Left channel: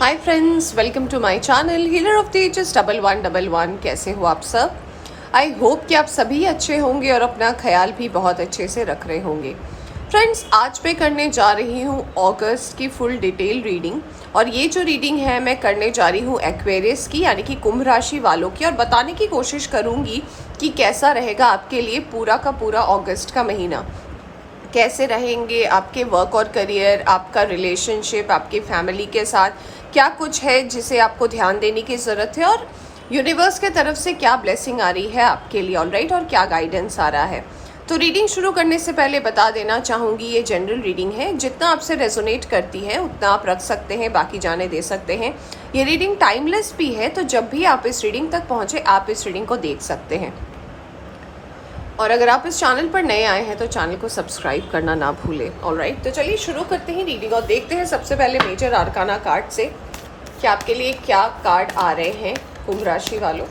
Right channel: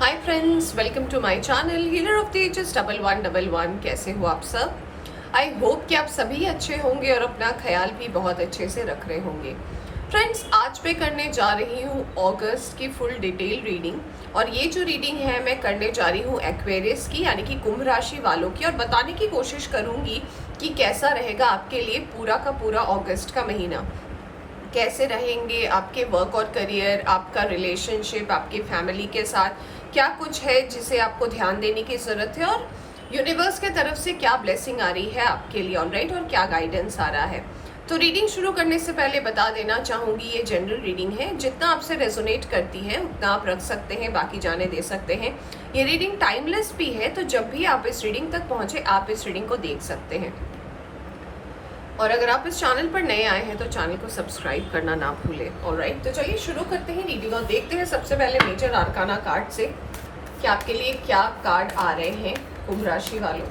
Hi friends, welcome to my channel healer of the ages 1111। कैसे हो आप सब? आई होप कि आप सभी अच्छे होंगे और अपना ख्याल भी बहुत अच्छे से रख रहे होंगे। फ्रेंड्स, आज मैं करने जा रही हूँ अगस्त की फुल डिटेल रीडिंग। और ये जो रीडिंग है मैं करने जा रही हूँ एक्वेरियस की, यानी कि कुंभ राशि वालों की, और बताने की कोशिश करूँगी कि कैसा रहेगा आपके लिए पूरा का पूरा अगस्त का महीना। कैसे रहेंगे आपके वर्क और करियर, आपका रिलेशनशिप, आपकी फैमिली के साथ क्या कुछ है जिसे आपको ध्यान देने की ज़रूरत है, और यूनिवर्स के तरफ से क्या ब्लेसिंग आ रही है आपके लिए, ऑलराइट, और क्या गाइडेंस आ रहा है। तो रीडिंग शुरू करने से पहले बता देना चाहूँगी, ये जनरल रीडिंग है, जितना आपसे रेजोनेट करती है उतना आप रख सकते हैं, बाकी जाने दे सकते हैं। ये रीडिंग टाइमलेस भी है, तो जब भी आप इस रीडिंग तक पहुँचे आप इस रीडिंग को देख सकते हैं। और अगर आप इस चैनल पर नए आए हैं तो चैनल को सब्सक्राइब करना ना भूलें। ऑलराइट, तो चलिए शुरू करते हैं रीडिंग और देखते हैं सबसे पहले मेजर आर्काना कार्ड से कि आपके लिए क्या कार्ड आ रहे हैं कुंभ राशि वालों,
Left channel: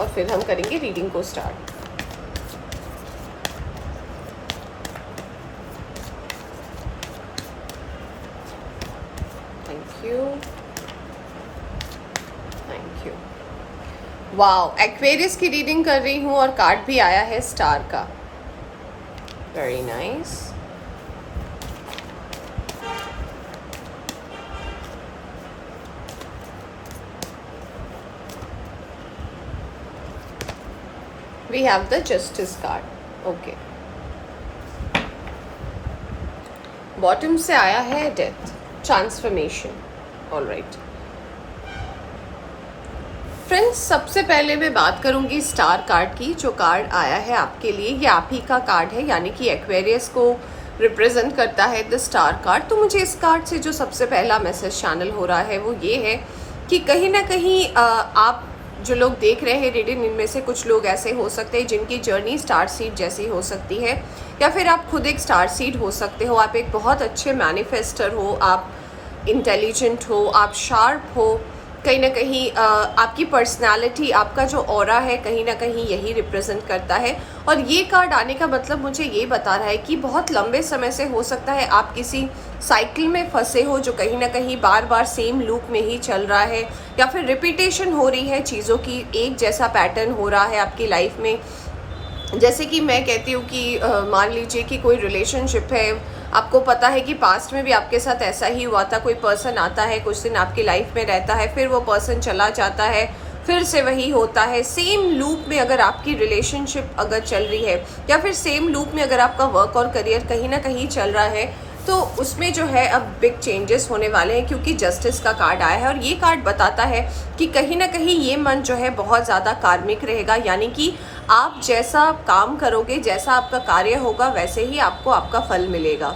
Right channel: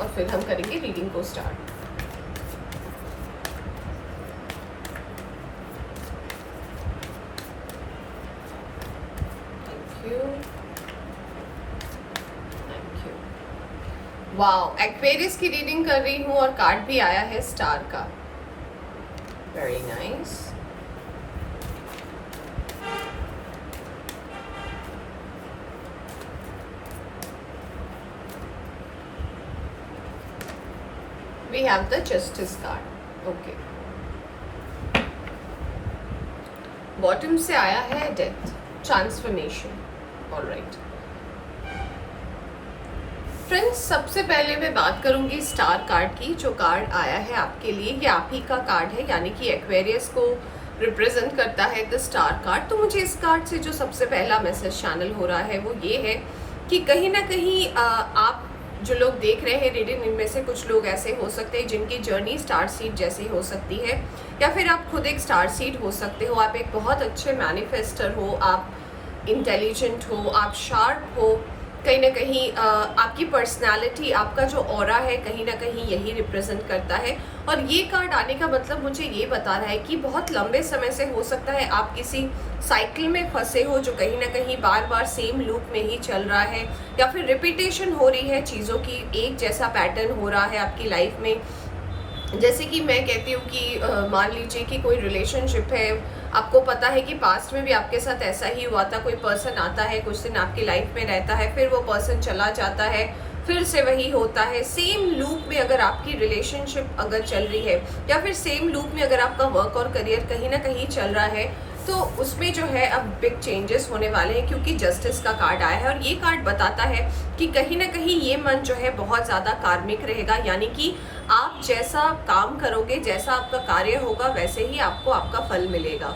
और फिर हम करेंगे रीडिंग को start. Thank you, thank you. Wow, Aquarius की रीडिंग कर रही हूँ और कार्ड भी आया है स्टार का। Very nice. We have the justice card. Okay. Bottom से आया है डेथ, ट्रांसफॉर्मेशन। ऑलराइट फ्रेंड्स, सबसे पहले मैं बात करूंगी स्टार कार्ड की। जो कार्ड आया है आपके लिए ये आप ही का कार्ड है, यानी कि एक्वेरियस को रिप्रेजेंट करता है द स्टार कार्ड। तो मुझे इस कार्ड से जो सबसे पहला मैसेज चैनल हो रहा है वो ये है कि कहीं ना कहीं आप जो लोग देख रहे हैं रीडिंग, इनमें से कुछ लोग ऐसे हो सकते हैं जिनकी जर्नी स्टार सीड जैसी हो सकती है, या फिर आप खुद एक स्टार सीड हो सकते हो। आप एक बहुत अच्छे मैनिफेस्टर हो, आप इंटेलिजेंट हो, आप शार्प हो। कहीं ना कहीं आपकी पर्सनालिटी, आपका जो ऑरा है, कहीं ना कहीं यही रिप्रेजेंट करता है। और ये कार्ड आने का मतलब मुझे ये बता रहा है कि बहुत लंबे समय से हो सकता है आप किसी साइकिल में फंसे हो जो कहीं ना कहीं बार बार सेम लूप में ही चल रहा है, या फिर रिपीटेशन हो रही है चीज़ों की, एक जैसा पैटर्न हो रहा है आपकी लाइफ में। जैसे कि मैं कहती हूँ कि मान लीजिए कि कोई रिलेशनशिप है, आपको पता है कि पास्ट में भी आपके साथ ऐसा ही हुआ था। कोई पर्सन आता है, कुछ दिन आपकी लाइफ में रहता है, फिर वो पर्सन चला जाता है, फिर से वही होता है। सेम लूप में अगर आपकी रिलेशनशिप अगर चल रही है, या फिर सेम लूप में अगर आपका वर्क और करियर कहीं ना कहीं चल रहा है, तो उसमें जो है अब बिग चेंजेस होने वाले हैं, क्योंकि जस्टिस का कार्ड आया है। और ये कार्ड बताता है कि कहीं ना कहीं ये मन जो है बहुत ज़्यादा कार्मिक रहेगा, यानी कि आप जैसा काम करोगे, जैसा आपका कार्य होगा, वैसे ही आपको आपका फल मिलेगा।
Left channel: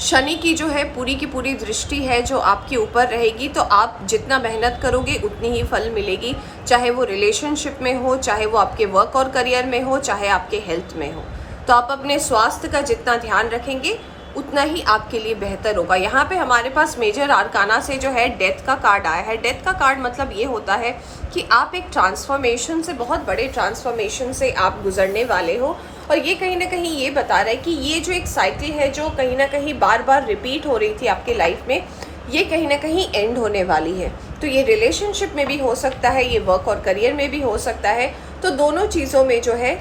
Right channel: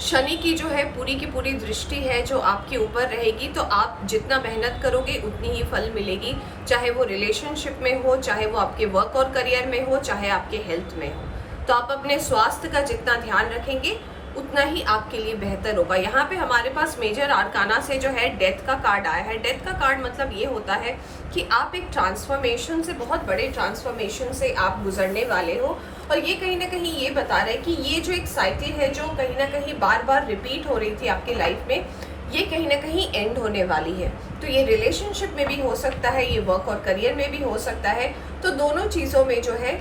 शनि की जो है पूरी की पूरी दृष्टि है जो आपके ऊपर रहेगी, तो आप जितना मेहनत करोगे उतनी ही फल मिलेगी, चाहे वो रिलेशनशिप में हो, चाहे वो आपके वर्क और करियर में हो, चाहे आपके हेल्थ में हो। तो आप अपने स्वास्थ्य का जितना ध्यान रखेंगे उतना ही आपके लिए बेहतर होगा। यहाँ पे हमारे पास मेजर आर्काना से जो है डेथ का कार्ड आया है। डेथ का कार्ड मतलब ये होता है कि आप एक ट्रांसफॉर्मेशन से, बहुत बड़े ट्रांसफॉर्मेशन से आप गुजरने वाले हो। और ये कहीं ना कहीं ये बता रहा है कि ये जो एक साइकिल है जो कहीं ना कहीं बार बार रिपीट हो रही थी आपके लाइफ में, ये कहीं ना कहीं एंड होने वाली है। तो ये रिलेशनशिप में भी हो सकता है, ये वर्क और करियर में भी हो सकता है। तो दोनों चीज़ों में जो है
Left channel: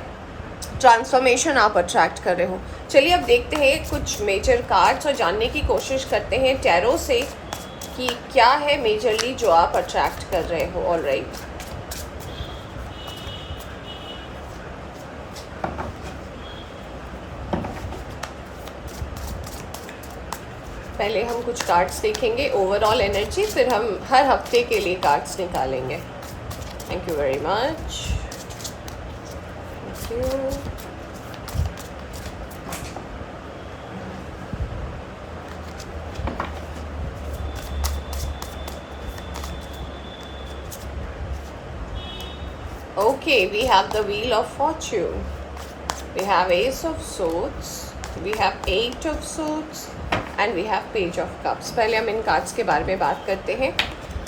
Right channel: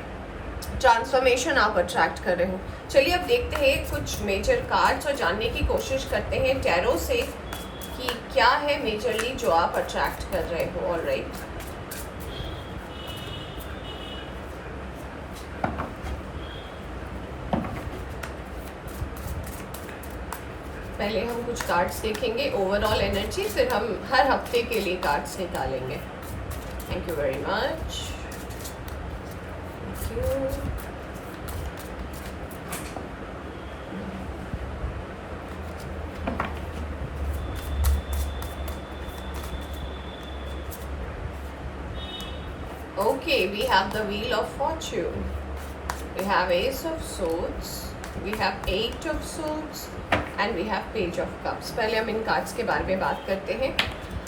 ट्रांसफॉर्मेशन आप अट्रैक्ट कर रहे हो। चलिए अब देखते हैं कुछ मेजर कार्ड्स और जानने की कोशिश करते हैं टैरो से कि क्या है मेजरली जो आप अट्रैक्ट कर रहे हो। ऑलराइट, पहले हम कुछ कार्ड्स देखेंगे ओवरऑल एनर्जी, फिर हम हर हफ्ते के लिए कार्ड्स निकालेंगे। Thank you very much. Thank you. Okay, we have the Wheel of Fortune. We have Ace of Swords. We have Eight of Swords. And we have Page of Cups. पहले हम इन cards के बारे में बात करते हैं।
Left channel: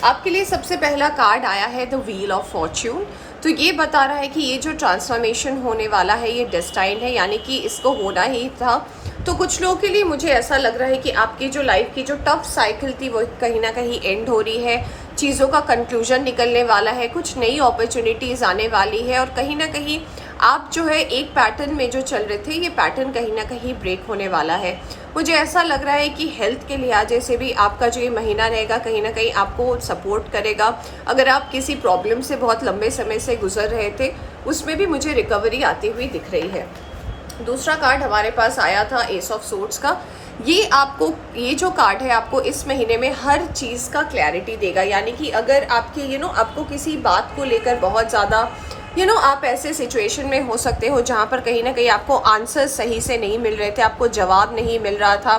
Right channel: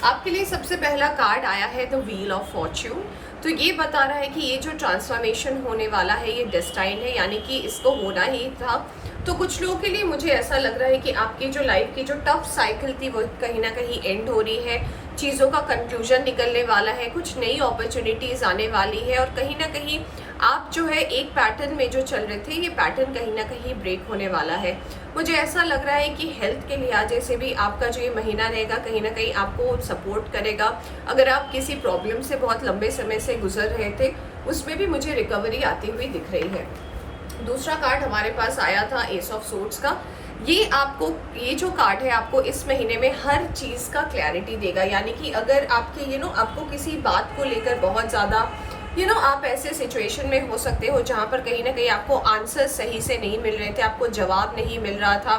आपके लिए सबसे पहला कार्ड आया है द व्हील ऑफ फॉर्च्यून। तो ये बता रहा है कि ये जो ट्रांसफॉर्मेशन होने वाला है ये डेस्टाइन्ड है, यानी कि इसको होना ही था। तो कुछ लोगों के लिए मुझे ऐसा लग रहा है कि आपकी जो लाइफ की जो टफ साइकिल थी वो कहीं ना कहीं एंड हो रही है, चीज़ों का कंक्लूजन निकलने वाला है, कुछ नई अपॉर्चुनिटीज़ आने वाली है, और कहीं ना कहीं आप जो है एक पैटर्न में जो चल रहे थे ये पैटर्न कहीं ना कहीं ब्रेक होने वाला है। मुझे ऐसा लग रहा है कि हेल्थ के लिहाजे से भी आपका जो ये महीना रहेगा कहीं ना कहीं आपको सपोर्ट करेगा। अगर आप किसी प्रॉब्लम से बहुत लंबे समय से गुजर रहे थे उसमें भी मुझे रिकवरी आती हुई दिख रही है। दूसरा कार्ड हमारे पास आया था एस ऑफ सोर्ड्स का। ये आपको, ये जो कार्ड है आपको इस महीने में हर चीज़ का क्लैरिटी देगा, यानी कि अगर आपके आपको किसी बात को लेकर बहुत ज़्यादा आप ऐसे सिचुएशन में हो सकते हो जहाँ पर कहीं ना कहीं आपको आंसर सही से नहीं मिल रहे थे, आपको जवाब नहीं मिल रहा था,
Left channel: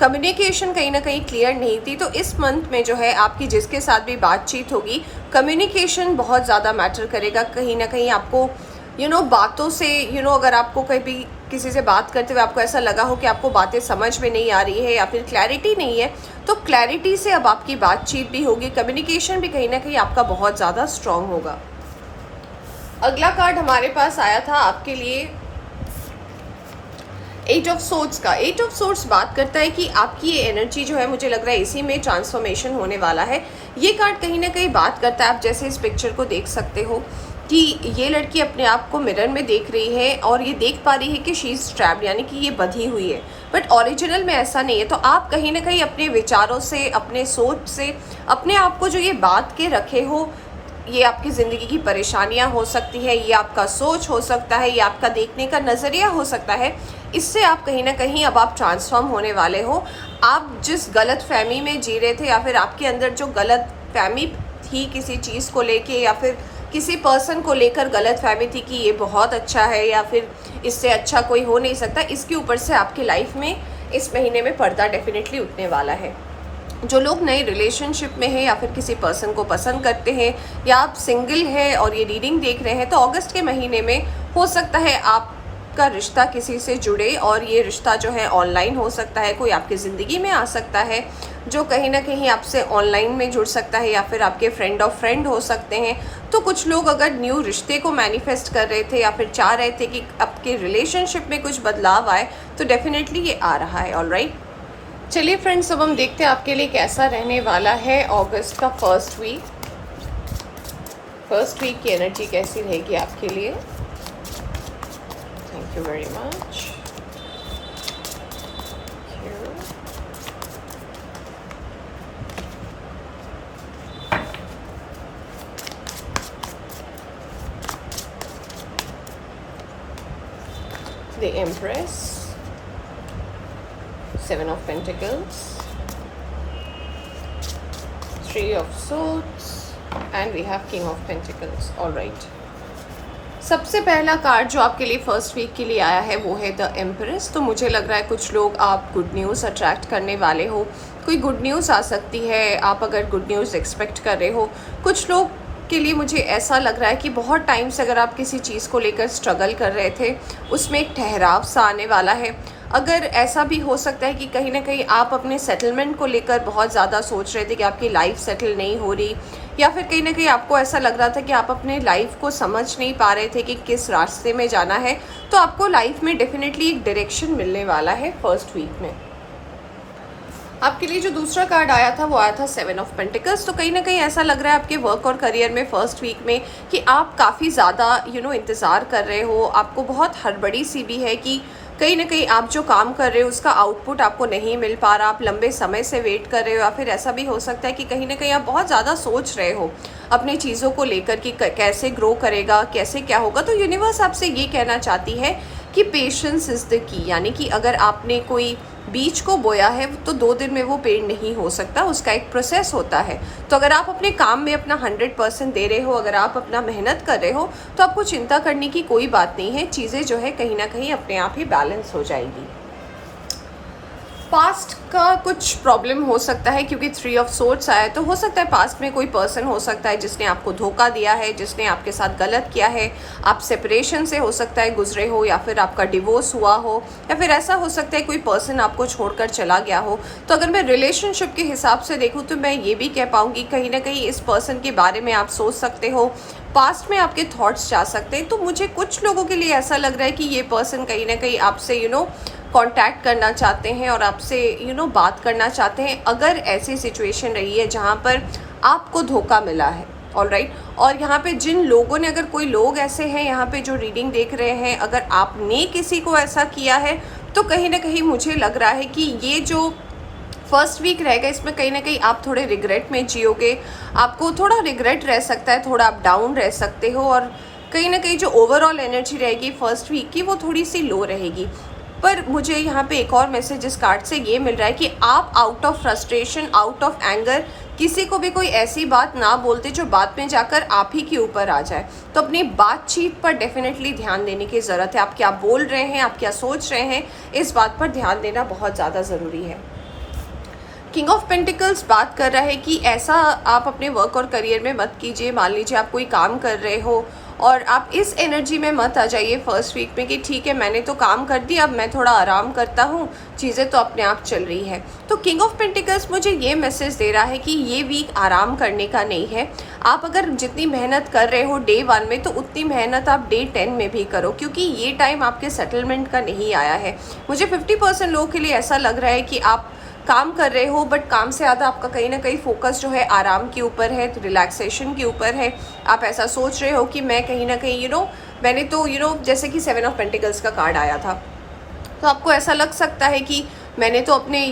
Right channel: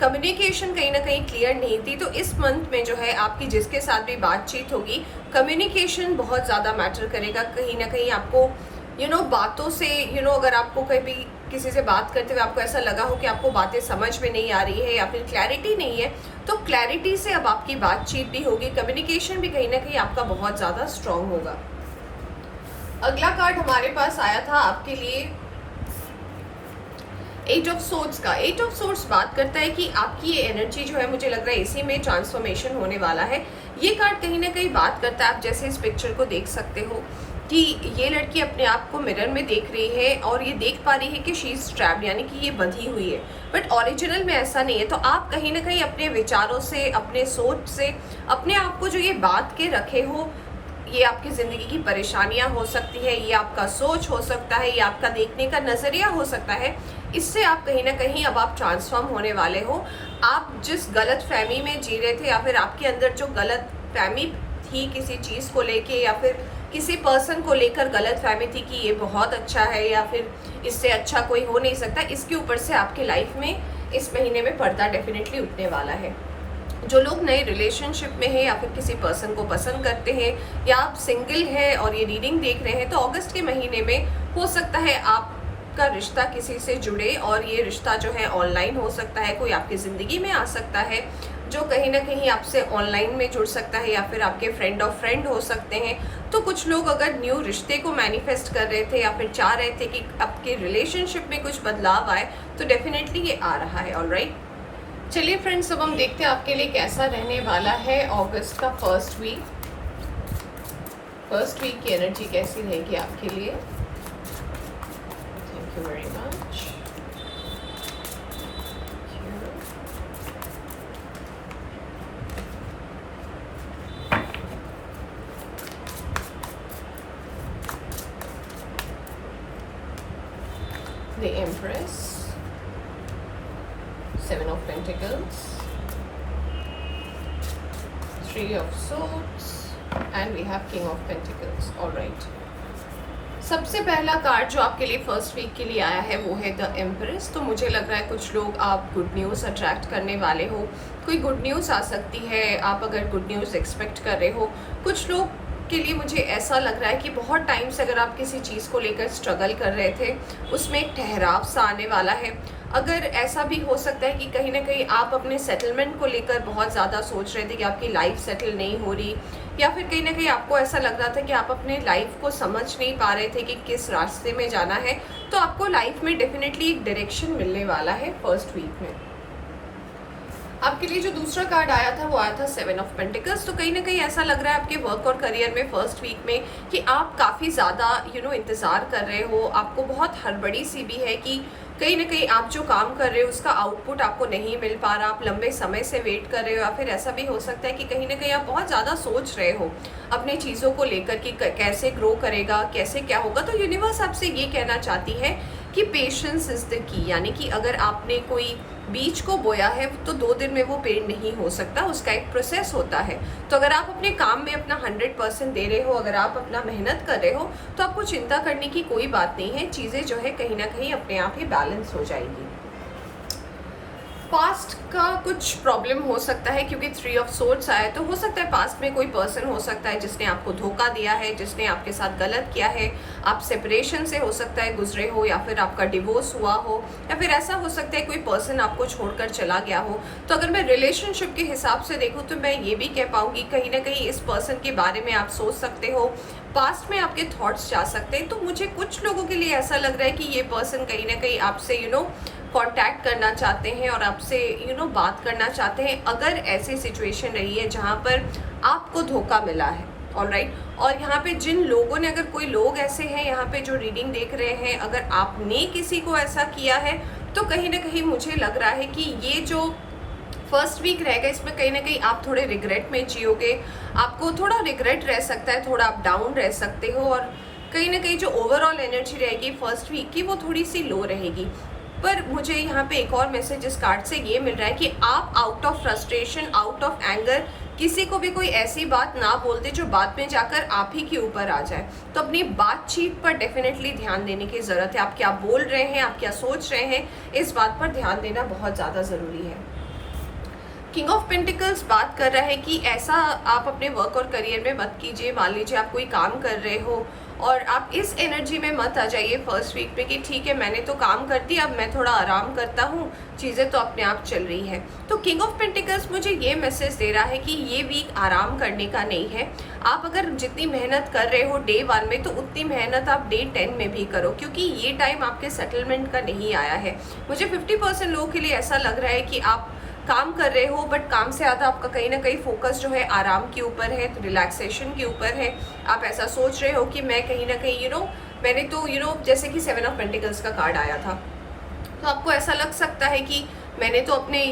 कम्युनिकेशन कहीं ना कहीं क्लियर नहीं थी। तो इस मंथ में जो है आपकी जिसके साथ भी बातचीत होगी कम्युनिकेशन बहुत ज़्यादा मैटर करेगा। कहीं ना कहीं आपको बातों से अगर आपको कभी किसी से बात करते हुए आपको ऐसा लगा हो कि आपको बातें समझ में नहीं आ रही है या फिर क्लैरिटी नहीं है, तो क्लैरिटी से अब आपकी बातचीत भी होगी, कम्युनिकेशन भी कहीं ना कहीं आपका बहुत ज़्यादा स्ट्रांग होगा। अगला कार्ड हमारे पास आया था आपके लिए एट ऑफ सोर्ड्स का। एट ऑफ सोर्ड्स बात करता है कि आपकी ये एनर्जी जो है मुझे लग रहा है इसी में ट्रांसफॉर्मेशन होने वाला है। ये कार्ड कहीं ना कहीं बात करता है, आप जैसे इस पिक्चर को देख सकते हो कि ये लड़की अपने आप को मिरर में देख रही है और ये देख पा रही है कि शी इज़ ट्रैप्ड, यानी कि ये बंधी हुई है, बट ओरिजिनल में ऐसा नहीं है। तो आप कहीं ना कहीं अपने विचारों से, अपने सोच से, अपने आप को जो ये बात के रखे हो, ये आपकी ज़िंदगी की परेशानियां हो सकती है, ये आपका सोच हो सकता है, ये आपका देखने का नज़रिया हो सकता है, इससे आप कहीं ना कहीं अब आप ट्रांसफॉर्म होने वाले हो। आप जिस गलत फहमी में जी रहे थे या फिर आपके अंदर जो गलत फहमी थी किसी चीज़ को लेके या फिर किसी पर्सन को लेकर गलत फहमी थी कि ये बहुत अच्छा है या फिर इससे अच्छा कोई हो नहीं सकता, इसके ऊपर से आपकी लाइफ में इस महीने में पर्दा डेफिनेटली उठने वाला है। जो लोग नए रिलेशनशिप में हैं या फिर किसी पर्सन को पसंद करते हैं या आप सिंगल हैं और ये रीडिंग देख रहे हैं, तो अगस्त के महीने में हो सकता है आपका रिश्ता किसी से जुड़े, और ये रिश्ता जो है ऑनलाइन हो सकता है, कोई आपकी ज़िंदगी में आ सकता है जो कहीं ना कहीं आपसे ऑनलाइन में जुड़ सकता है, या फिर आपके फ्रेंड ऑफ फ्रेंड हो सकते हैं। तो कुछ लोग अगर न्यू रिश्ते को मैनिफेस्ट कर रहे थे या फिर चाह रहे थे कि आपके रिलेशनशिप में कुछ बदलाव आए, तो डेफिनेटली ये आ रहा है। ऑलराइट, चलिए फ्रेंड्स, अब हम देखते हैं आपके लिए कैसा रहने वाला है अगस्त का फर्स्ट वीक। फर्स्ट वीक की एनर्जी कैसी रहेगी आपके लिए। Thank you very much. The empress, Seven of Pentacles, Three of Swords, and we have King of Pentacles. All right. सबसे पहला कार्ड जो आपके लिए फर्स्ट वीक के लिए आया है वो है द एम्प्रेस। तो मुझे लग रहा है कुछ लोग आप गुड न्यूज़ अट्रैक्ट करने वाले हो, कोई गुड न्यूज़ आ सकती है, आप अगर गुड न्यूज़ एक्सपेक्ट कर रहे हो। कुछ लोग के लिए मुझे ऐसा लग रहा है कि बहुत टाइम से अगर आप किसी चीज़ को लेकर स्ट्रगल कर रहे थे उसमें एक ठहराव सा आने वाला है। अगर ऐसा भी हो सकता है कि कहीं ना कहीं आप अपने सेटलमेंट को लेकर बहुत ज़्यादा सोच रहे थे कि आपकी लाइफ सेटल नहीं हो रही, या फिर कहीं ना कहीं आपको ऐसा लग रहा था कि आप अपने लाइफ को समझ नहीं पा रहे थे कि किस रास्ते में जाना है, तो आपको लाइफ में डेफिनेटली एक डायरेक्शन मिलने वाला है फर्स्ट वीक में। आपके लिए जो दूसरा कार्ड आया था वो आया था सेवन ऑफ पेंटिकल्स। तो कहीं ना कहीं ऐसा लग रहा है आपके वर्क और करियर में फर्स्ट वीक में कि आप काफ़ी ज़्यादा इंतज़ार कर रहे हो, आपको बहुत हड़बड़ी सी भी है कि कहीं ना कहीं आप जो काम कर रहे हो उसका आउटपुट आपको नहीं मिल पा रहा, आप लंबे समय से वेट कर रहे हो, या फिर ऐसा भी हो सकता है कि कहीं ना कहीं आप बहुत ज़्यादा सोच रहे हो अपनी चीज़ों को लेकर कि कैसे ग्रो करेगा, कैसे क्या होगा। तो यूनिवर्स आपसे ये कहना चाहती है कि पेशेंस इज़ द की, यानी कि अगर आपने कोई बीज को बोया है तो 2 दिन में वो पेड़ नहीं हो सकता, उसका एक प्रोसेस होता है। तो अगर आप अपने काम में अपना 100% दे रहे हो, अगर आप अपना मेहनत कर रहे हो, तो आपको चिंता करने की कोई बात नहीं है, चीज़ें जो है कहीं ना कहीं अपने आप ही बैलेंस हो जाएगी। पास्ट आपका कुछ प्रॉब्लम हो सकता है, क्योंकि 3 ऑफ सोर्ड्स आया है, तो हो सकता है पास्ट में कोई पर्सन हो सकता है जिसने आपको धोखा दिया है, जिसने आपके साथ गलत किया है। आप सेपरेशन से हो सकता है गुजरे हो, या फिर आपका डिवोर्स हुआ हो, या फिर ऐसा हो सकता है कोई पर्सन आपको छोड़कर चला गया हो। तो अगर मैं रिलेशनशिप के हिसाब से देखूँ तो मैं ये भी कह पाऊँगी कहीं ना कहीं इस पर्सन के बारे में आप सोच सकते हो, पास्ट में आपके थॉट्स जा सकते हैं। तो मुझे कुछ लोगों के लिए ऐसा लग रहा है कि ये पर्सन कहीं ना कहीं आपसे कांटेक्ट करना चाहते हैं और आपसे बात करना चाहते हैं, अगर ऐसी सिचुएशन रही है जहाँ पर आपको धोखा मिला है। ऑलराइट, और यहाँ पे जिन लोगों ने, अगर कोई लोग ऐसे हैं यहाँ पे जो रीडिंग देख रहे हैं, अगर आपने किसी को ऐसा किया है तो कहीं ना कहीं मुझे लग रहा है कि ये जो फर्स्ट वीक रहेगा इसमें कहीं ना कहीं आप थोड़े रिग्रेट में जियोगे, आपको थोड़ा रिग्रेट रह सकता है, थोड़ा आप डाउन रह सकते हो, और कहीं ना कहीं जो ओवरऑल एनर्जी रहेगी फर्स्ट वीक की वो थोड़ी सी लो रहेगी। पर मुझे यहाँ पे एक और मैसेज इस कार्ड से ये मिल रहा है कि आप out of frustration, out of anger किसी को भी कोई ऐसी बात ना बोलते जो बाद में जाकर आप ही के ऊपर आ जाए। तो अपनी बातचीत पर डेफिनेटली ध्यान देने की ज़रूरत है। आप क्या बोल रहे हैं, आप क्या सोच रहे हैं, इस बात पर ध्यान देना बहुत ज़्यादा ज़रूरी है। किंग ऑफ पेंटिकल्स बात कर रहा है कि ऐसा आप अपने वर्क और करियर में मत कीजिए। मान लीजिए आप कोई काम कर रहे हो और आप इस एनर्जी में मत आ जाइए फर्स्ट वीक में कि ठीक है मैंने तो काम कर दिया, अब मैं थोड़ा आराम करता हूँ, चीज़ें तो अपने आप चल रही है। तो किंग ऑफ पेंटिकल्स मुझे ये मैसेज दे रहा है कि ये वीक आराम करने का नहीं है। आप अगर जितनी मेहनत कर रहे हो डे 1 में, तो उतनी मेहनत आप डे 10 में भी करो, क्योंकि ये टाइम आपके सेटलमेंट का नहीं आया है। मुझे 50% लोगों के लिए ऐसा लग रहा है कि आप काम कर रहे हो, बट काम से ज़्यादा आपका कहीं ना कहीं फोकस जो है आराम के ऊपर है, रिलैक्सेशन के ऊपर है। आप ऐसा सोच रहे हो कि मैं कहीं ना कहीं मैंने तो जैसे कि 7 ऑफ पेंटिकल्स का कार्ड आया था, तो आपको ऐसा लग सकता है कि मैंने तो अपने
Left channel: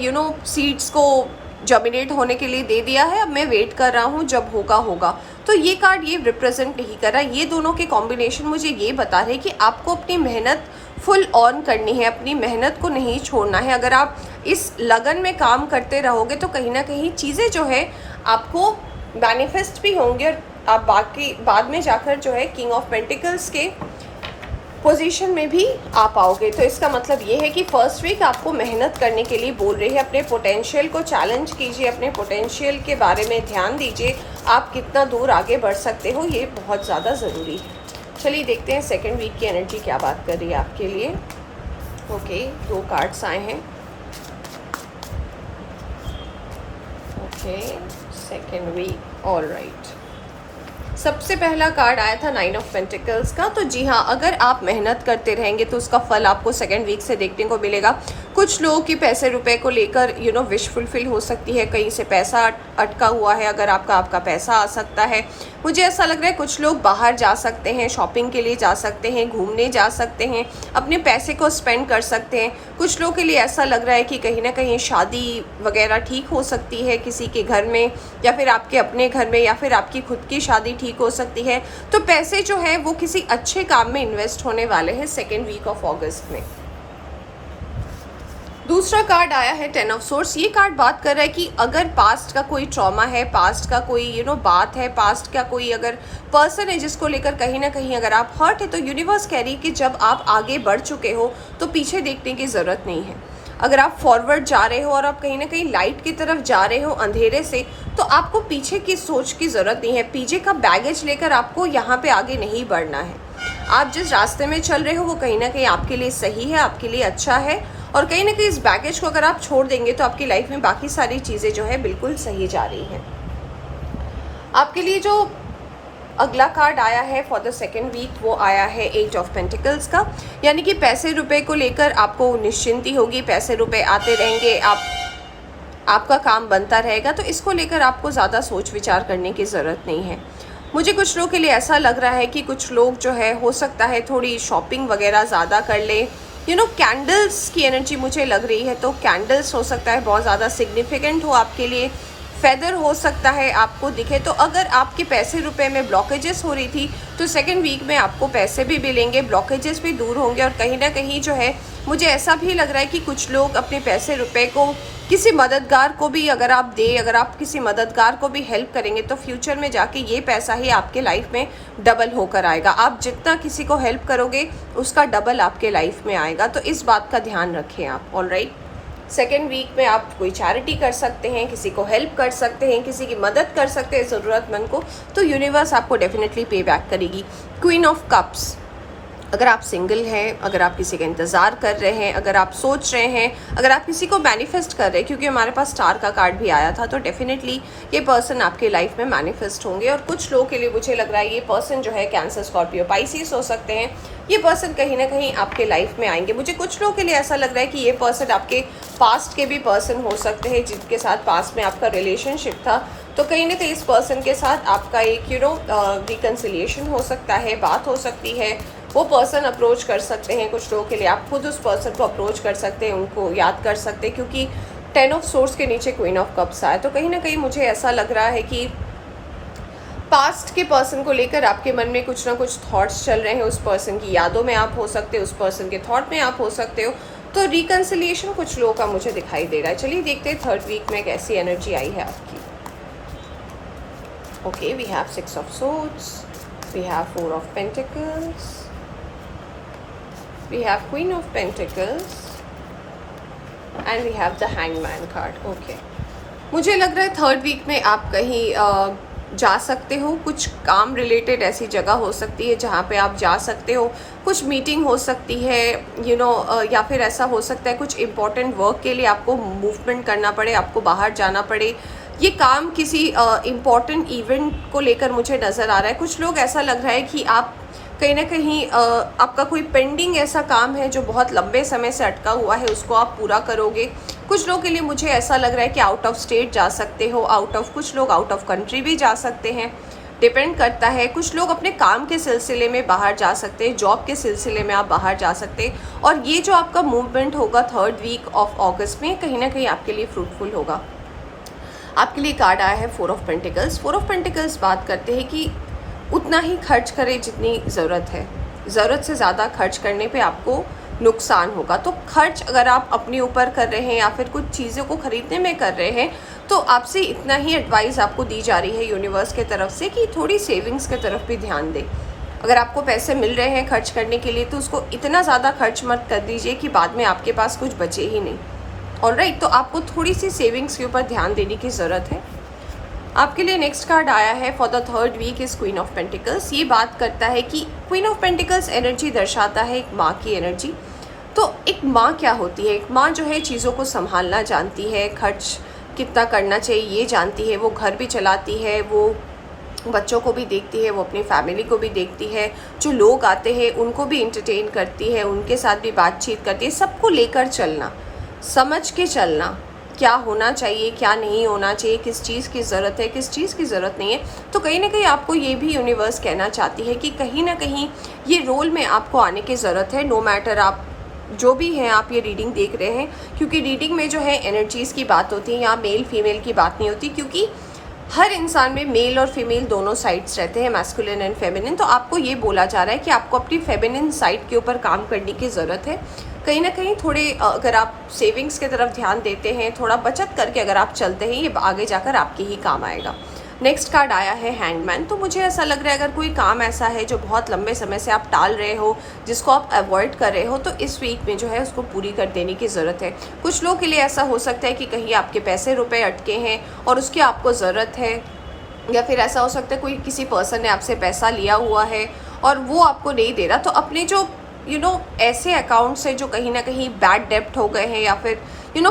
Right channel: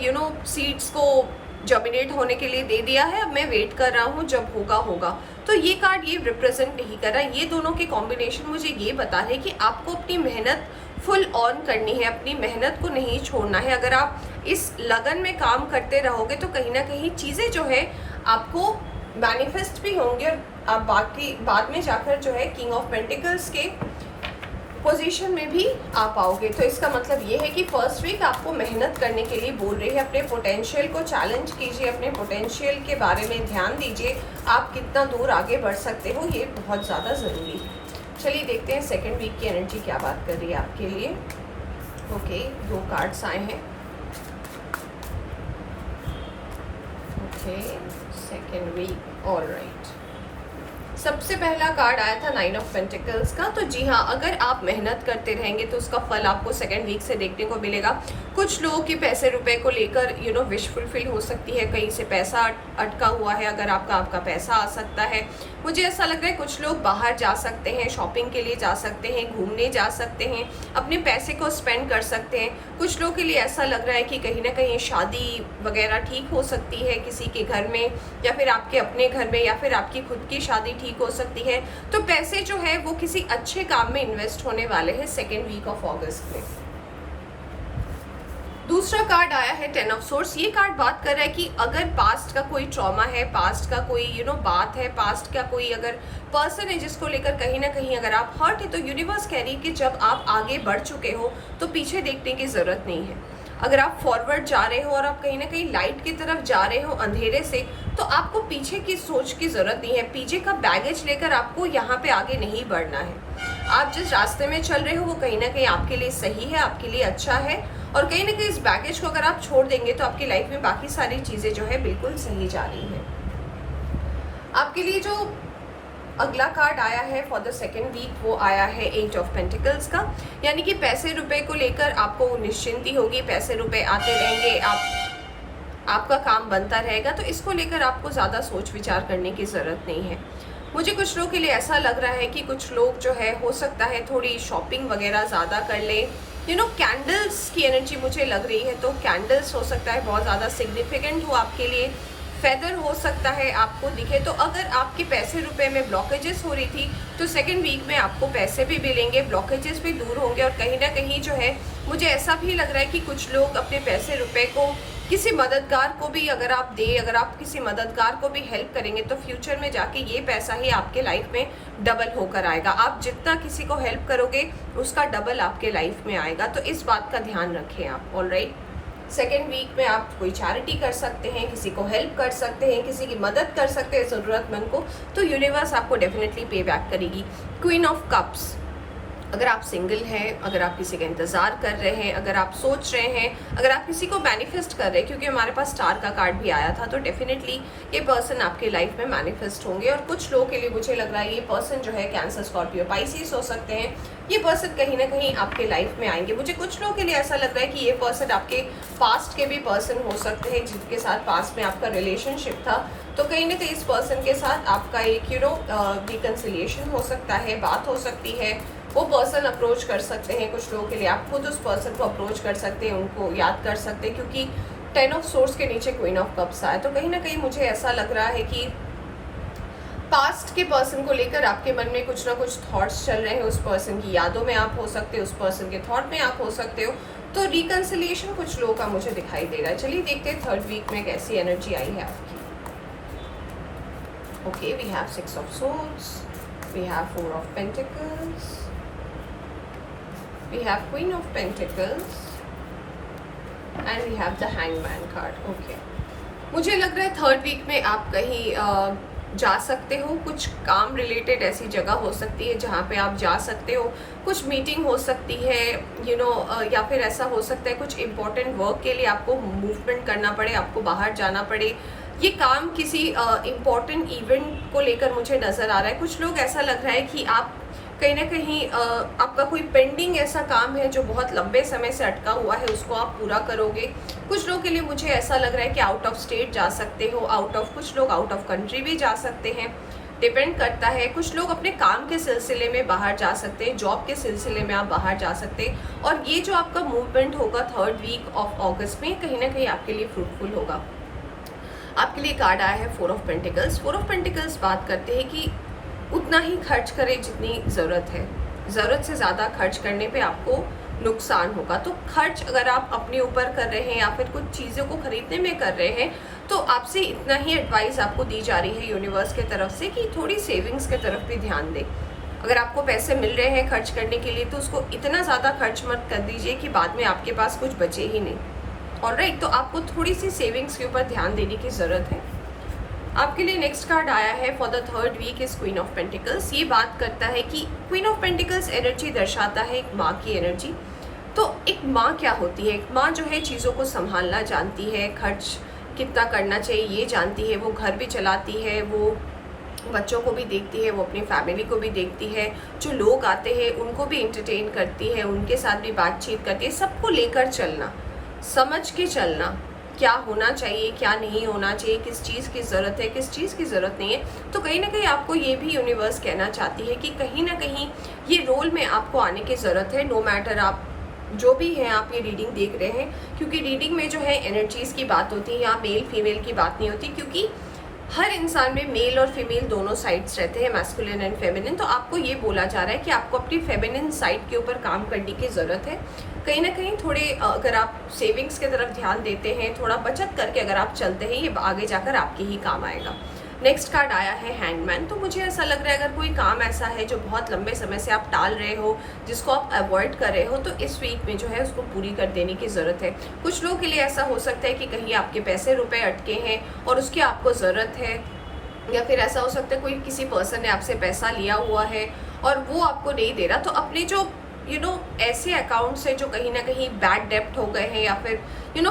सीड्स को जर्मिनेट होने के लिए दे दिया है, अब मैं वेट कर रहा हूँ जब होगा होगा। तो ये कार्ड ये रिप्रेजेंट नहीं कर रहा। ये दोनों के कॉम्बिनेशन मुझे ये बता रहे कि आपको अपनी मेहनत फुल ऑन करनी है, अपनी मेहनत को नहीं छोड़ना है। अगर आप इस लगन में काम करते रहोगे तो कहीं ना कहीं चीज़ें जो है आपको मैनिफेस्ट भी होंगे, और आप बाद में जाकर जो है किंग ऑफ पेंटिकल्स के पोजीशन में भी आ पाओगे। तो इसका मतलब ये है कि फर्स्ट वीक आपको मेहनत करने के लिए बोल रही है। अपने पोटेंशियल को चैलेंज कीजिए, अपने पोटेंशियल के बारे में ध्यान दीजिए, आप कितना दूर आगे बढ़ सकते हो, ये बहुत ज़्यादा ज़रूरी है। चलिए देखते हैं सेकेंड वीक की एनर्जी क्या बात कर रही है आपके लिए। ओके, 2 कार्ड्स आए हैं। Okay, second week, all right. सबसे पहला कार्ड आया था 9 ऑफ पेंटिकल्स का। तो जी हाँ, अगर आप मेहनत करते रहेंगे तो उसका फल आपको सेकेंड वीक से देखने को मिलेगा। कुछ लोगों की पैसे रुपए को लेकर विश फुलफिल हो सकती है, कहीं से पैसा अटका हुआ है, अगर आपका पैसा आ सकता है। मुझे ऐसा लग रहा है कुछ लोग बाहर जा सकते हैं, शॉपिंग के लिए जा सकते हैं, घूमने जा सकते हैं, अपने पैसे को स्पेंड कर सकते हैं। कुछ लोगों के लिए ऐसा लग रहा है कि कहीं ना कहीं शादी वगैरह ठीक हो सकती है किसी के घर में, या फिर आपके अपने घर में, या फिर आपकी खुद की शादी ठीक हो सकती है। तो पैसे जो है वो किसी अच्छे काम में इन्वेस्ट होने वाले हैं सेकेंड वीक ऑफ अगस्त में। दूसरा कार्ड आया है 10 ऑफ सोर्स। ये कार्ड बात कर रहा है कि अगर पास्ट का कोई ट्रॉमा है, पास्ट का कोई बात है, पास्ट का कोई अगर पर्सन है जिसको लेकर कहीं ना कहीं अगर आप हर्ट है, तो यूनिवर्स कह रही है कि जब आप आगे बढ़ चुके हो तो पीछे देखने की ज़रूरत नहीं है। अगर आप फॉरवर्ड जा रहे हो और आप कहीं ना कहीं लाइट की तरफ जा रहे हो अंधेरे से, तो आपको पीछे की सोच की ज़रूरत नहीं है। पीछे का बैगेज लेकर आपको यहाँ पे आगे नहीं बढ़ना है। आप जिस रास्ते में चल रहे हो वो कहीं ना कहीं आपके लिए सही है, आपके लिए अच्छा है, और कहीं ना कहीं इस बैगेज को अगर आप छोड़ देंगे तो आपकी लाइफ में बाकी सारी चीज़ें जो है बिल्कुल सही जा रही हैं। आपके लिए जो अगला कार्ड आया है फॉर द सेकेंड वीक वो आया है 8 ऑफ पेंटिकल्स का, यानी कि पैसे रुपए को लेकर आपको निश्चिंती होगी, पैसे रुपए आते रहेंगे, आपका काम बनता रहेगा। तो इसको लेकर आपको ज़्यादा सोच विचार करने की ज़रूरत नहीं है। मुझे कुछ लोगों के लिए ऐसा लग रहा है कि कुछ लोग जो है हो सकता है थोड़ी शॉपिंग वगैरह ज़्यादा कर ले। कैंडल्स की एनर्जी मुझे लग रही है, तो कैंडल्स हो सकता है बहुत ज़्यादा सिग्निफिकेंट हो आपके लिए। फेदर हो सकता है आपको दिखे। तो अगर आपके पैसे रुपए में ब्लॉकेजेस हो रही थी तो सेकेंड वीक में आपको पैसे भी मिलेंगे, ब्लॉकेजेस भी दूर होंगे, और कहीं ना कहीं जो है मुझे ऐसा भी लग रहा है कि कुछ लोग अपने पैसे रुपए को किसी मददगार को भी अगर आप किसी मददगार को भी हेल्प करेंगे तो फ्यूचर में जाके ये पैसा ही आपके लाइफ में डबल होकर आएगा। आप जितना किसी को हेल्प करोगे उसका डबल आपके लाइफ में आएगा। तो इस बात का ध्यान रखें आप। ऑलराइट, सेकेंड वीक में आप कोई चैरिटी कर सकते हैं, किसी को हेल्प कर सकते हैं, किसी की मदद कर सकते हैं ज़रूरतमंद को, तो यूनिवर्स आपको डेफिनेटली पे बैक करेगी। क्वीन ऑफ कप्स, अगर आप सिंगल हैं, अगर आप किसी का इंतज़ार कर रहे हैं, अगर आप सोच रहे हैं, अगर आप किसी को मैनिफेस्ट कर रहे हैं, क्योंकि हमारे पास स्टार का कार्ड भी आया था, तो डेफिनेटली ये पर्सन आपके लाइफ में मैनिफेस्ट होंगे। और कुछ लोगों के लिए मुझे लग रहा है ये पर्सन जो है कैंसर, स्कॉर्पियो, पाइसिस हो सकते हैं। ये पर्सन कहीं ना कहीं आपके लाइफ में आएंगे। मुझे कुछ लोगों के लिए ऐसा लग रहा है कि ये पर्सन आपके पास्ट के भी पर्सन हो सकते हैं, जिनके साथ पास्ट में आपका रिलेशनशिप था। तो कहीं ना कहीं इस पर्सन के साथ आपका एक रिकन्सिलिएशन हो सकता है, बात हो सकती है, वो पर्सन अप्रोच कर सकते हैं। कुछ लोगों के लिए आप खुद उस पर्सन को अप्रोच कर सकते हैं, उनको याद कर सकते हैं, क्योंकि 10 ऑफ सोर्स के नीचे क्वीन ऑफ कप्स आया। तो कहीं ना कहीं मुझे ऐसा लग रहा है कि पास्ट के पर्सन को लेकर आपके मन में कुछ ना कुछ थॉट्स चल रहे हैं। उस पर्सन की यादों में आप हो सकते हो, उस पर्सन के थॉट में आप हो सकते हो। तो रिकन्सिलिएशन कुछ लोगों का मुझे दिखाई दे रहा है। चलिए देखते हैं थर्ड वीक में कैसी एनर्जी आई है आपकी। Okay, we have 6 of swords, we have 4 of pentacles, we have Queen of Pentacles and we have the Hangman card. Okay. मुझे लग रहा है थर्ड वीक में आप कहीं जा सकते हो। कुछ काम रिलेटेड ऐसी जगह हो सकती है जहाँ पे आप जा सकते हो। कुछ मीटिंग हो सकती है या फिर ऐसा हो सकता है कुछ इम्पोर्टेंट वर्क के लिए आपको मूवमेंट करना पड़े, आपको बाहर जाना पड़े। ये काम किसी इम्पोर्टेंट इवेंट को लेकर मुझे नज़र आ रहा है। कुछ लोग ऐसा लग रहा है कि आप कहीं ना कहीं आपका कोई पेंडिंग ऐसा काम है जो बहुत लंबे समय से अटका हुआ है, उसको आप पूरा करोगे। कुछ लोगों के लिए मुझे ऐसा लग रहा है कि आउट ऑफ स्टेट जा सकते हो, कुछ लोग आउट ऑफ कंट्री भी जा सकते हैं, डिपेंड करता है। कुछ लोग अपने काम के सिलसिले में बाहर जा सकते हैं, जॉब के सिलसिले में आप बाहर जा सकते हैं। और ये जो आपका मूवमेंट होगा थर्ड वीक ऑफ अगस्त में, कहीं ना कहीं आपके लिए फ्रूटफुल होगा। आपके लिए कार्ड आया है 4 ऑफ पेंटिकल्स। 4 ऑफ पेंटिकल्स बात करते हैं कि उतना ही खर्च करें जितनी ज़रूरत है। ज़रूरत से ज़्यादा खर्च करने पे आपको नुकसान होगा। तो खर्च अगर आप अपने ऊपर कर रहे हैं या फिर कुछ चीज़ों को ख़रीदने में कर रहे हैं, तो आपसे इतना ही एडवाइस आपको दी जा रही है यूनिवर्स के तरफ से कि थोड़ी सेविंग्स के तरफ भी ध्यान दें। अगर आपको पैसे मिल रहे हैं खर्च करने के लिए, तो उसको इतना ज़्यादा खर्च मत कर दीजिए कि बाद में आपके पास कुछ बचे ही नहीं। ऑलराइट, तो आपको थोड़ी सी सेविंग्स के ऊपर ध्यान देने की ज़रूरत है। आपके लिए नेक्स्ट कार्ड आया है for the third week is queen of pentacles. ये बात करता है कि क्वीन ऑफ पेंटिकल्स एनर्जी दर्शाता है एक माँ की एनर्जी। तो एक माँ क्या होती है? एक माँ जो है चीज़ों को संभालना जानती है, खर्च कितना करना चाहिए ये जानती है, वो घर भी चलाती है, वो बच्चों को भी देखती है, वो अपनी फैमिली को भी देखती है, जो लोग आते हैं उनको भी इंटरटेन करती है, उनके साथ भी बातचीत करती है। सबको लेकर चलना, समझ के चलना, क्या होना चाहिए, क्या नहीं होना चाहिए, किस चीज़ की ज़रूरत है, किस चीज़ की ज़रूरत नहीं है। तो कहीं ना कहीं आपको ये भी यूनिवर्स कहना चाहती है कि कहीं ना कहीं ये रोल में आपको आने की ज़रूरत है। नो मैटर आप जो भी हैं, आप ये रीडिंग देख रहे हैं, क्योंकि रीडिंग में जो है एनर्जीज़ की बात होती है, यहाँ मेल फीमेल की बात नहीं होती, क्योंकि हर इंसान में मेल और फीमेल दोनों साइड्स रहते हैं, मैस्कुलिन एंड फेमिनिन। तो आपको ये बोला जा रहा है कि आपको अपनी फेमिनिन साइड के ऊपर काम करने की ज़रूरत है। कहीं ना कहीं थोड़े अगर आप सेविंग्स की तरफ ध्यान देते हैं, थोड़ा बचत करके अगर आप चलते हैं, ये आगे जाकर आपके ही काम आएगा। नेक्स्ट कार्ड आया है हैंडमैन। तो मुझे ऐसा लग रहा है अगर कोई काम ऐसा है जो बहुत लंबे समय से आप टाल रहे हो, जिसको आप अवॉइड कर रहे हो, तो इस वीक में जो है उसको पूरी कर देने की ज़रूरत है। कुछ लोगों के लिए ऐसा हो सकता है कि कहीं आपके पैसे रुपए अटके हैं और उसकी आपको ज़रूरत है, या फिर ऐसा हो सकता है कोई किसी पर्सन ने आपसे पैसा लिया हुआ है और वो आपको नहीं दे रहा। तो अपने जो ऐसे अकाउंट्स है जो कहीं ना कहीं बैड डेप्ट हो गए हैं, या फिर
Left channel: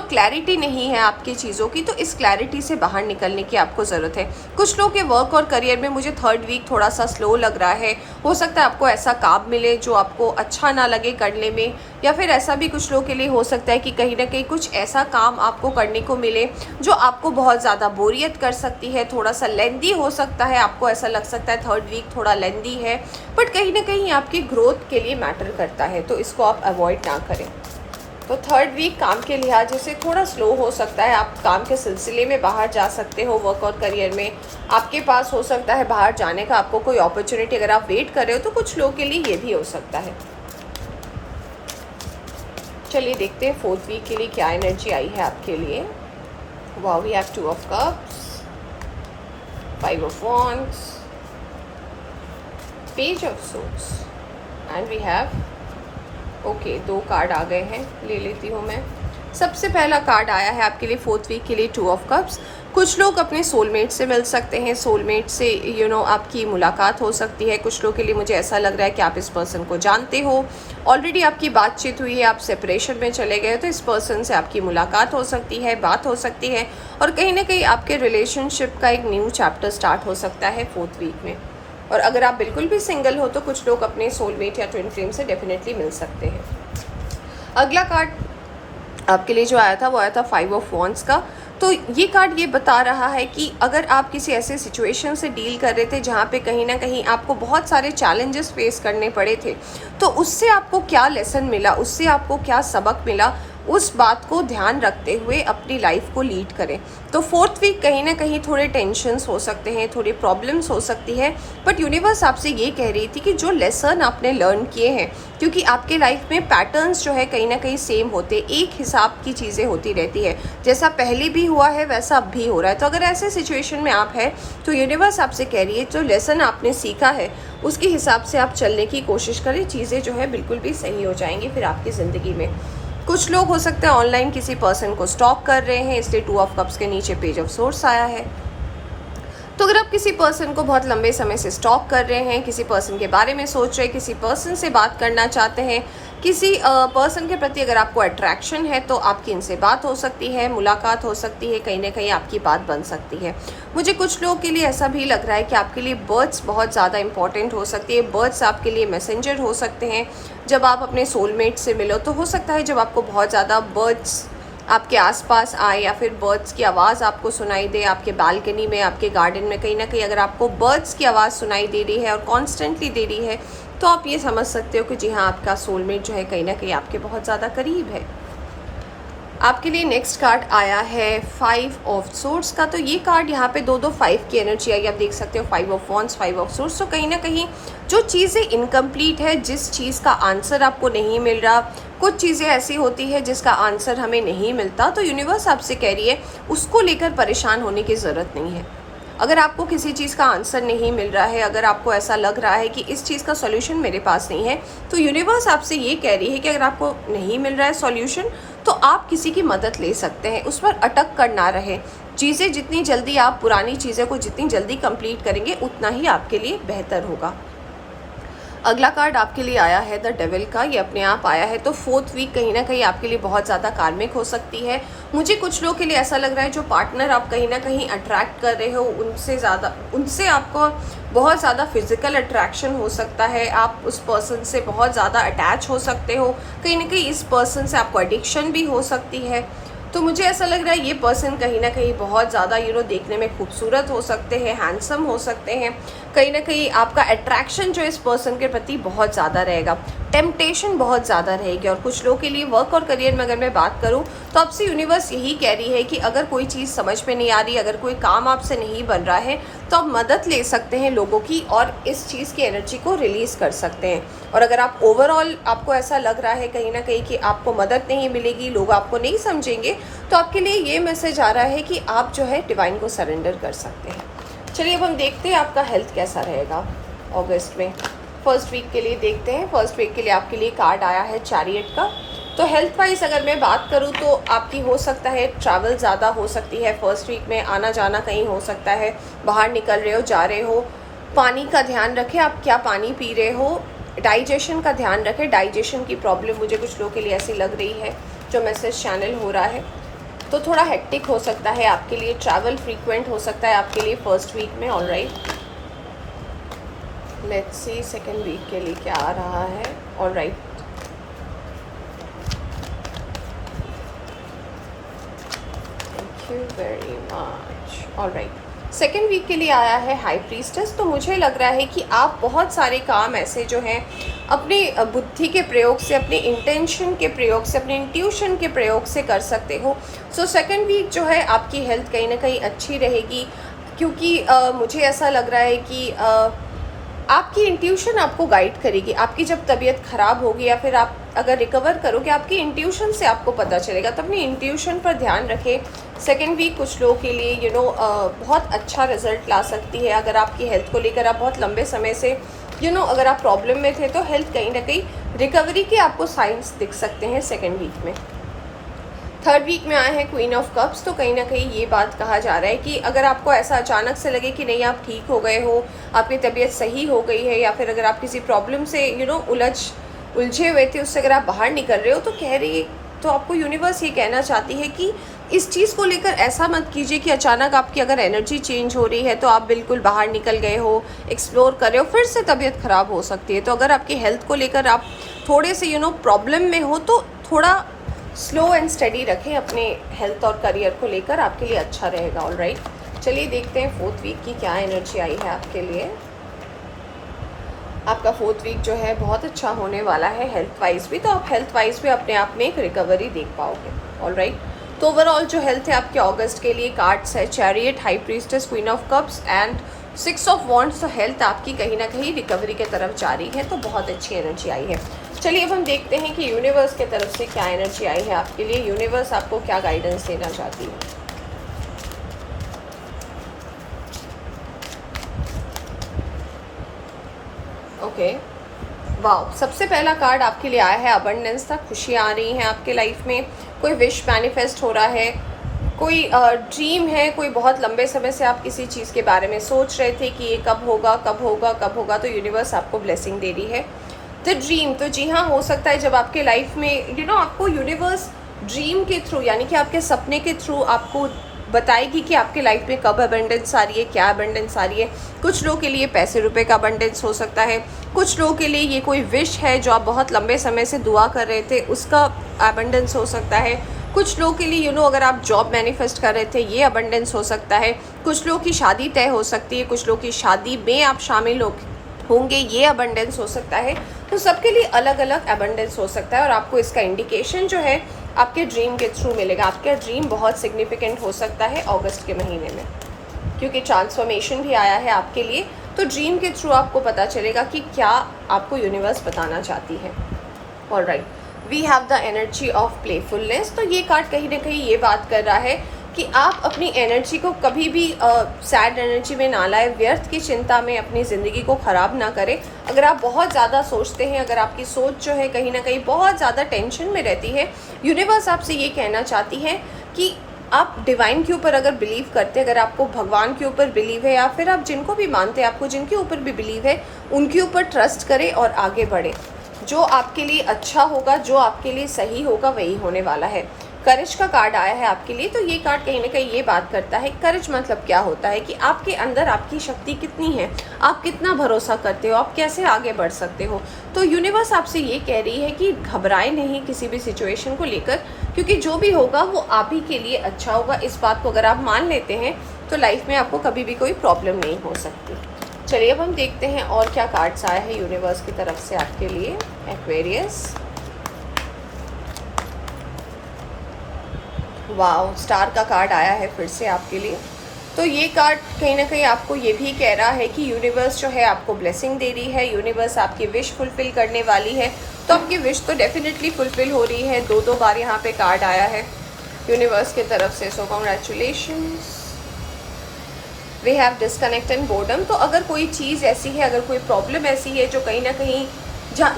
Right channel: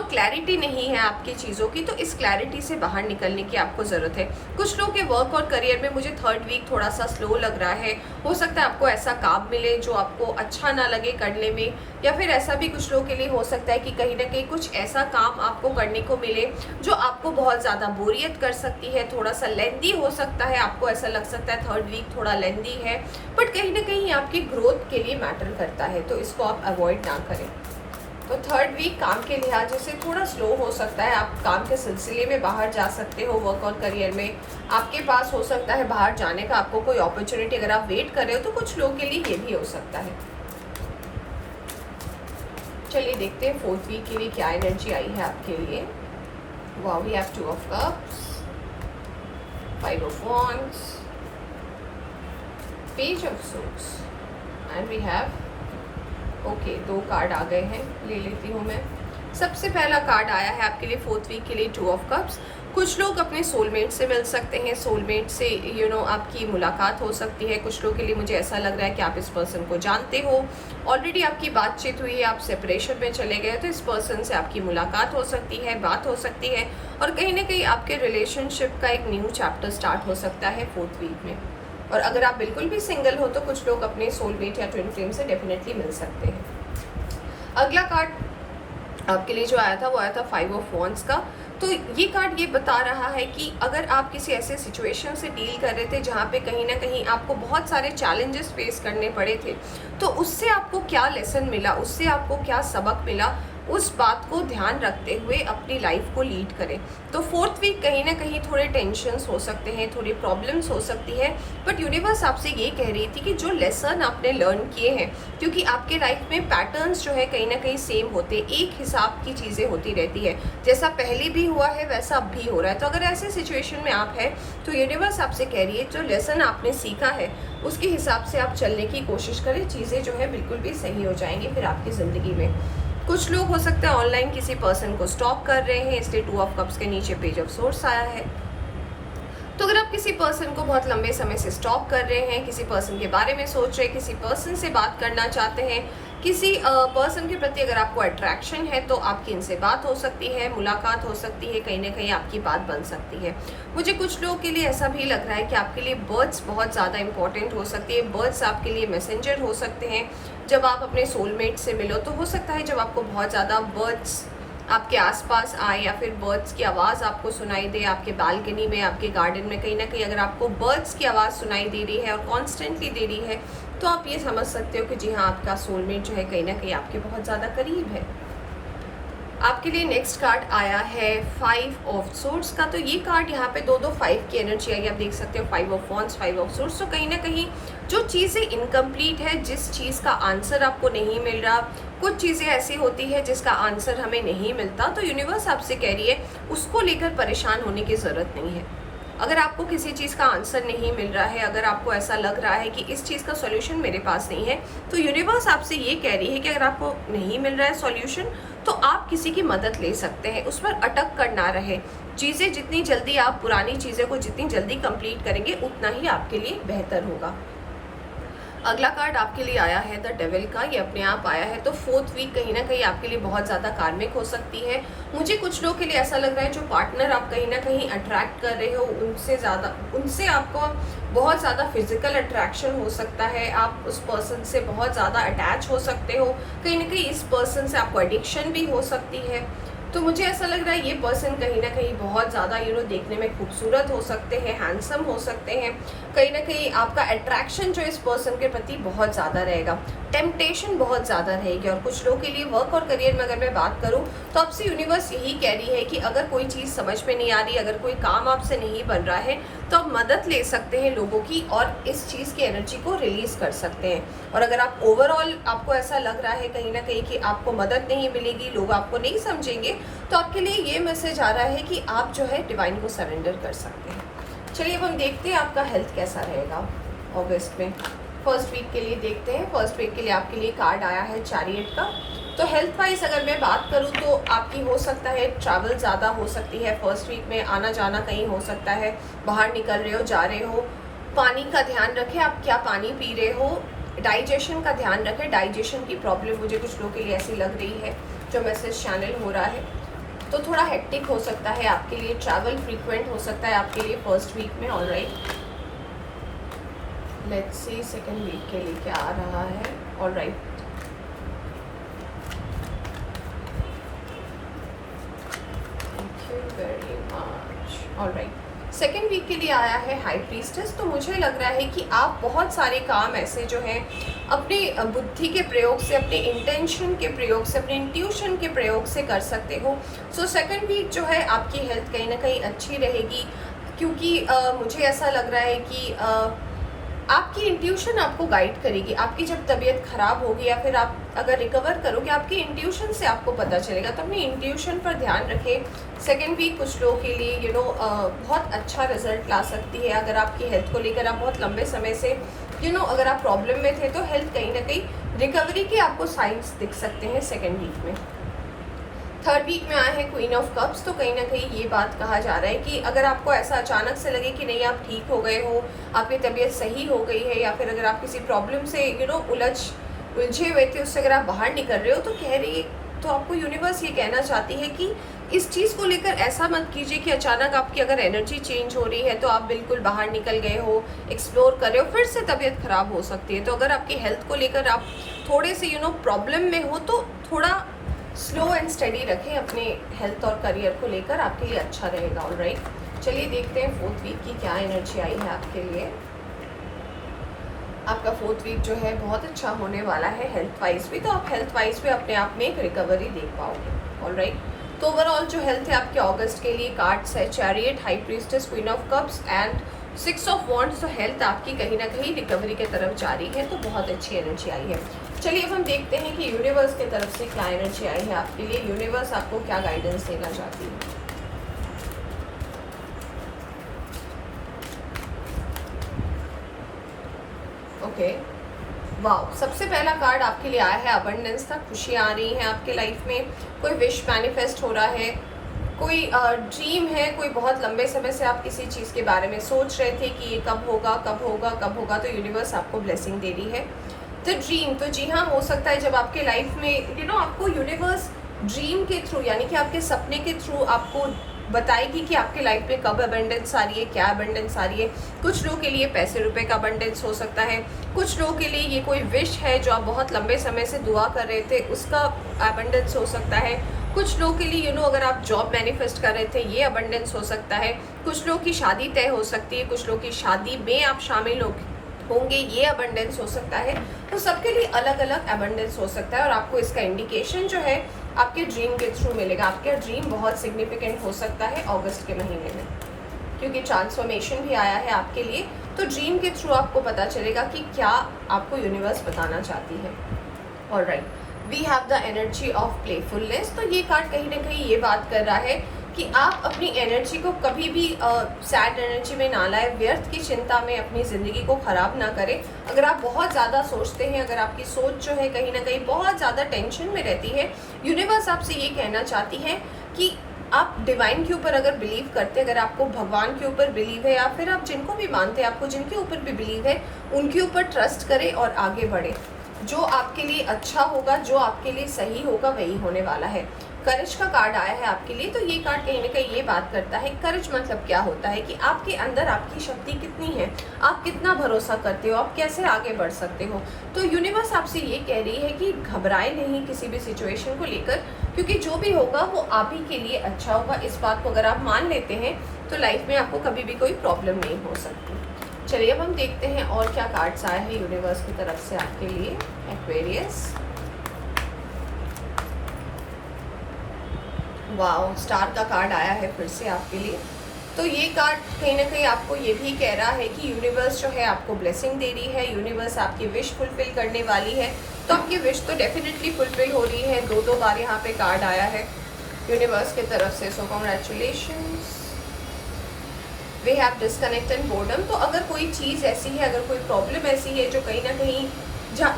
क्लैरिटी नहीं है आपकी चीज़ों की, तो इस क्लैरिटी से बाहर निकलने की आपको ज़रूरत है। कुछ लोग के वर्क और करियर में मुझे थर्ड वीक थोड़ा सा स्लो लग रहा है। हो सकता है आपको ऐसा काम मिले जो आपको अच्छा ना लगे करने में, या फिर ऐसा भी कुछ लोगों के लिए हो सकता है कि कहीं ना कहीं कुछ ऐसा काम आपको करने को मिले जो आपको बहुत ज़्यादा बोरियत कर सकती है, थोड़ा सा लेंदी हो सकता है। आपको ऐसा लग सकता है थर्ड वीक थोड़ा लेंदी है, बट कहीं ना कहीं आपकी ग्रोथ के लिए मैटर करता है, तो इसको आप अवॉइड ना करें। तो थर्ड वीक काम के लिहाज से थोड़ा स्लो हो सकता है। आप काम के सिलसिले में बाहर जा सकते हो, वर्क और करियर में आपके पास हो सकता है बाहर जाने का आपको कोई अपॉर्चुनिटी, अगर आप वेट कर रहे हो तो कुछ लोगों के लिए ये भी हो सकता है। चलिए देखते हैं फोर्थ वीक के लिए क्या एनर्जी आई है आपके लिए। Wow, we have 2 of cups, 5 of wands, page of swords and we have okay 2 card आ गए हैं, ले लेती हूँ मैं। सबसे पहला कार्ड आया है आपके लिए 4th वीक के लिए 2 ऑफ कप्स। कुछ लोग अपने सोलमेट से मिल सकते हैं, सोलमेट से आपकी मुलाकात हो सकती है। कुछ लोग के लिए मुझे ऐसा लग रहा है कि आप इस पर्सन को जानते हो, ऑलरेडी आपकी बातचीत हुई है, आप सेपरेशन में चले गए तो इस पर्सन से आपकी मुलाकात हो सकती है, बात हो सकती है, और कहीं ना कहीं आपके रिलेशनशिप का एक न्यू चैप्टर स्टार्ट हो सकता है 4th वीक में। और अगर आप बिल्कुल भी सिंगल हो तो कुछ लोग अपने सोलमेट या ट्विन फ्लेम से डेफिनेटली मिल सकते हैं। अगला कार्ड आपके लिए जो आया था वो आया था 5 ऑफ वॉन्ड्स का। तो ये कार्ड ये बता रहा है कि अगर आप किसी ऐसे सिचुएशन से डील कर रहे थे जहाँ पे कहीं ना कहीं आपको बहुत सारे चैलेंजेस फेस करने पड़े थे, तो उससे आपको क्या लेसन मिला, उससे आपको क्या सबक मिला, उस बात को ध्यान रखते हुए अपनी लाइफ को लीड करें। तो 4th वीक कहीं ना कहीं थोड़े टेंशन्स हो सकते हैं, थोड़ी प्रॉब्लम्स हो सकती है, बट यूनिवर्स आपसे ये कह रही थी कि जो लेसन आपने लर्न किए हैं, क्योंकि आपके लाइफ में पैटर्न्स जो है कहीं ना कहीं सेम होते, एक हिसाब की चीज़ें होती रहती है, जैसा पहले भी हुआ है वैसा अब भी हो रहा है। तो अगर ऐसे सिचुएशन में आप हैं तो यूनिवर्स आपसे कह रही है जो लेसन आपने सीखा है उसके हिसाब से आप चलने की कोशिश करें, चीज़ें जो है बिल्कुल भी सही हो जाएंगी फिर आपकी ज़िंदगी में। कुछ लोग हो सकता है ऑनलाइन किसी पर्सन को स्टॉक कर रहे हैं, इसलिए 2 ऑफ कप्स के नीचे पेज ऑफ सोर्स आया है। तो अगर आप किसी पर्सन को बहुत लंबे समय से स्टॉक कर रहे हैं, किसी पर्सन के बारे में सोच रहे हैं, किसी पर्सन से बात करना चाहते हैं, किसी पर्सन के प्रति अगर आपको अट्रैक्शन है तो आपकी इनसे बात हो सकती है, मुलाकात हो सकती है, कहीं ना कहीं आपकी बात बन सकती है। मुझे कुछ लोगों के लिए ऐसा भी लग रहा है कि आपके लिए बर्ड्स बहुत ज़्यादा इंपॉर्टेंट हो सकती है। बर्ड्स आपके लिए मैसेंजर हो सकते हैं। जब आप अपने सोलमेट से मिलो तो हो सकता है जब आपको बहुत ज़्यादा बर्ड्स आपके आसपास आए या फिर बर्ड्स की आवाज़ आपको सुनाई दे, आपके बालकनी में, आपके गार्डन में कहीं ना कहीं अगर आपको बर्ड्स की आवाज़ सुनाई दे रही है और कॉन्स्टेंटली दे रही है तो आप ये समझ सकते हो कि जी हाँ, आपका सोलमेट जो है कहीं ना कहीं आपके बहुत ज़्यादा करीब है। आपके लिए नेक्स्ट कार्ड आया है 5 ऑफ सोर्स का। तो ये कार्ड यहाँ पे दो 5 की एनर्जी आई, आप देख सकते हो 5 ऑफ वॉन्ड्स, 5 ऑफ सोर्स। तो कहीं ना कहीं जो चीज़ें इनकम्प्लीट है, जिस चीज़ का आंसर आपको नहीं मिल रहा, कुछ चीज़ें ऐसी होती है जिसका आंसर हमें नहीं मिलता, तो यूनिवर्स आपसे कह रही है उसको लेकर परेशान होने की ज़रूरत नहीं है। अगर आपको किसी चीज़ का आंसर नहीं मिल रहा है, अगर आपको ऐसा लग रहा है कि इस चीज़ का सॉल्यूशन मेरे पास नहीं है, तो यूनिवर्स आपसे ये कह रही है कि अगर आपको नहीं मिल रहा है सॉल्यूशन तो आप किसी की मदद ले सकते हैं, उस पर अटक कर ना रहे। चीज़ें जितनी जल्दी आप पुरानी चीज़ें को जितनी जल्दी कंप्लीट करेंगे उतना ही आपके लिए बेहतर होगा। अगला कार्ड आपके लिए आया है द डेविल का, ये अपने आप आया है। तो 4th वीक कहीं ना कहीं आपके लिए बहुत ज़्यादा कार्मिक हो सकती है। मुझे कुछ लोगों के लिए ऐसा लग रहा है जो पार्टनर आप कहीं ना कहीं अट्रैक्ट कर रहे हो उनसे आपको बहुत ज़्यादा फिजिकल अट्रैक्शन हो सकता है। आप उस पर्सन से बहुत ज़्यादा अटैच हो सकते हो, कहीं ना कहीं इस पर्सन से आपको एडिक्शन भी हो सकती है। तो मुझे ऐसा लग रहा है ये पर्सन कहीं ना कहीं बहुत ज़्यादा देखने में खूबसूरत हो सकते हैं, हैंडसम हो सकते हैं। कहीं ना कहीं आपका अट्रैक्शन जो इस पर्सन के प्रति बहुत ज़्यादा रहेगा, टेम्पटेशन बहुत ज़्यादा रहेगी। और कुछ लोगों के लिए वर्क और करियर में अगर मैं बात करूं तो आपसे यूनिवर्स यही कह रही है कि अगर कोई चीज़ समझ में नहीं आ रही, अगर कोई काम आपसे नहीं बन रहा है तो आप मदद ले सकते हैं लोगों की और इस चीज़ की एनर्जी को रिलीज़ कर सकते हैं। और अगर आप ओवरऑल आपको ऐसा लग रहा है कहीं ना कहीं कि आपको मदद नहीं मिलेगी, लोग आपको नहीं समझेंगे, तो आपके लिए ये मैसेज आ रहा है कि आप जो है डिवाइन को सरेंडर कर सकते हैं। चलिए अब हम देखते हैं आपका हेल्थ कैसा रहेगा अगस्त में। 1st वीक के लिए देखते हैं। 1st वीक के लिए आपके लिए कार्ड आया है चैरियट का। तो हेल्थ वाइज अगर मैं बात करूं तो आपकी हो सकता है ट्रैवल ज़्यादा हो सकती है 1st वीक में, आना जाना कहीं हो सकता है, बाहर निकल रहे हो, जा रहे हो। पानी का ध्यान रखें, आप क्या पानी पी रहे हो। डाइजेशन का ध्यान रखें, डाइजेशन की प्रॉब्लम मुझे कुछ लोगों के लिए ऐसी लग रही है जो मैसेज चैनल हो रहा है। तो थोड़ा हेक्टिक हो सकता है आपके लिए, ट्रैवल फ्रीक्वेंट हो सकता है आपके लिए 1st वीक में। Alright, let's see 2nd week के लिए क्या आ रहा है। Alright, thank you very much. Alright, 2nd week के लिए आया है हाई प्रीस्टेस। तो मुझे लग रहा है कि आप बहुत सारे काम ऐसे जो हैं अपने बुद्धि के प्रयोग से, अपने इंटेंशन के प्रयोग से, अपने इंट्यूशन के प्रयोग से कर सकते हो। सो 2nd वीक जो है आपकी हेल्थ कहीं ना कहीं अच्छी रहेगी, क्योंकि मुझे ऐसा लग रहा है कि आपकी इंट्यूशन आपको गाइड करेगी। आपकी जब तबीयत ख़राब होगी या फिर आप अगर रिकवर करोगे, आपकी इंट्यूशन से आपको पता चलेगा। तो अपनी इंट्यूशन पर ध्यान रखें। 2nd वीक कुछ लोगों के लिए बहुत अच्छा रिजल्ट ला सकती है। अगर आपकी हेल्थ को लेकर आप बहुत लंबे समय से अगर आप प्रॉब्लम में थे तो हेल्थ कहीं ना कहीं रिकवरी के आपको साइंस दिख सकते हैं 2nd वीक में। थर्ड वीक में आए हैं क्वीन ऑफ कप्स, तो कहीं ना कहीं ये बात कहा जा रहा है कि अगर आपको ऐसा अचानक से लगे कि नहीं आप ठीक हो गए हो, आपकी तबीयत सही हो गई है, या फिर अगर आप किसी प्रॉब्लम से उलझे हुए थे, उससे अगर आप बाहर निकल रहे हो, तो कह रही तो आपको यूनिवर्स ये कहना चाहती है कि इस चीज़ को लेकर ऐसा मत कीजिए कि अचानक आपकी अगर एनर्जी चेंज हो रही है तो आप बिल्कुल बाहर निकल गए हो, एक्सप्लोर कर रहे हो, फिर से तबीयत ख़राब हो सकती है। तो अगर आपकी हेल्थ को लेकर आप थोड़े से प्रॉब्लम में हो, तो थोड़ा स्लो एंड स्टडी रखें अपने हेल्थ और करियर को लेकर, आपके लिए अच्छा रहेगा। ऑलराइट, चलिए देखते हैं फोर्थ वीक की क्या एनर्जी आई है आपके लिए। आपका फोर्थ वीक जो है बहुत अच्छा होने वाला है हेल्थ वाइज भी, तो आप हेल्थ वाइज भी अपने आप में एक रिकवरी देख पाओगे। ऑलराइट, तो ओवरऑल जो हेल्थ है आपके अगस्त के लिए कार्ड्स है chariot, high priestess, queen of cups and 6 of wands. तो हेल्थ आपकी कहीं ना कहीं रिकवरी की तरफ जा रही है, तो बहुत अच्छी एनर्जी आई है। चलिए अब हम देखते हैं कि यूनिवर्स की तरफ से क्या एनर्जी आई है आपके लिए, यूनिवर्स आपको क्या गाइडेंस देना चाहती है। ओके, वाह, सबसे पहला कार्ड आपके लिए आया है अबंडेंस था, खुशियाँ आ रही हैं आपके लाइफ में, कोई विश मैनिफेस्ट हो रहा है, कोई ड्रीम है, कोई बहुत लंबे समय से आप किसी चीज़ के बारे में सोच रहे थे कि ये कब होगा कब होगा कब होगा, तो यूनिवर्स आपको ब्लेसिंग दे रही है। द ड्रीम, तो जी हाँ, हो सकता है जब आपके लाइफ में आपको यूनिवर्स ड्रीम के थ्रू, यानी कि आपके सपने के थ्रू आपको बताएगी कि आपके लाइफ में कब अबंडेंस आ रही है, क्या अबंडेंस आ रही है। कुछ लोगों के लिए पैसे रुपए का अबंडेंस हो सकता है, कुछ लोगों के लिए ये कोई विश है जो आप बहुत लंबे समय से दुआ कर रहे थे, उसका अबंडेंस हो सकता है। कुछ लोगों के लिए अगर आप जॉब मैनिफेस्ट कर रहे थे, ये अबंडेंस हो सकता है। कुछ लोगों की शादी तय हो सकती है, कुछ लोगों की शादी में आप शामिल होंगे, ये अबंडेंस हो सकता है। तो सबके लिए अलग अलग अबंडेंस हो सकता है, और आपको इसका इंडिकेशन जो है आपके ड्रीम के थ्रू मिलेगा। आपका ड्रीम बहुत सिग्निफिकेंट हो सकता है अगस्त के महीने में, क्योंकि ट्रांसफॉर्मेशन भी आया है आपके लिए। तो ड्रीम के थ्रू आपको पता चलेगा कि क्या आपको यूनिवर्स बताना चाहती है। Alright, we have the energy of playfulness. तो ये कार्ड कहीं ना कहीं ये बात कर रहा है कि आप अपनी एनर्जी को कभी भी सैड एनर्जी में ना लाए, व्यर्थ की चिंता में अपनी ज़िंदगी को ख़राब ना करें। अगर आप बहुत ज़्यादा सोचते हैं, अगर आपकी सोच जो है कहीं ना कहीं बहुत ज़्यादा टेंशन में रहती है, यूनिवर्स आपसे ये कहना चाहती है कि आप डिवाइन के ऊपर अगर बिलीव करते हैं, अगर आपको भगवान के ऊपर बिलीव है, या फिर आप जिनको भी मानते हैं, आपको जिनके ऊपर भी बिलीव है, उनके ऊपर ट्रस्ट करें और आगे बढ़े। जो आपके लिए अच्छा होगा, जो आपके लिए सही होगा, वही होने वाला है। करेज का कार्ड आया है आपके लिए, तो ये कार्ड कहीं ना कहीं ये बात करता है, करेज मतलब क्या होता है कि आपके अंदर आपकी शक्ति कितनी है, आप कितना भरोसा करते हो, आप कैसे आगे बढ़ सकते हो। तो यूनिवर्स आपसे ये कह रही है कि घबराए नहीं किसी भी सिचुएशन को लेकर, क्योंकि जो भी होगा वो आप ही के लिए अच्छा होगा। इस बात को अगर आप मान लेते हैं तो लाइफ में आपको कभी भी कोई प्रॉब्लम नहीं हो सकती। चलिए अब हम देखते हैं और क्या कार्ड्स आया है यूनिवर्स की तरफ से आपके लिए। एक्वेरियस, वाओ, स्टार का कार्ड आया है फिर से आपके लिए। तो ये कार्ड कहीं ना कहीं आपको ये भी कह रहा है कि यूनिवर्स जो है आपको ब्लेसिंग दे रही है, यूनिवर्स आपकी विश फुलफिल करने वाली है। तो आपकी विश तो डेफिनेटली फुलफिल हो रही है। दो बार यहाँ पे कार्ड आया है यूनिवर्स की तरफ से, so congratulations. We have disconnect and boredom. तो अगर कोई चीज़ ऐसी है, अगर कोई प्रॉब्लम ऐसी है जो कहीं ना कहीं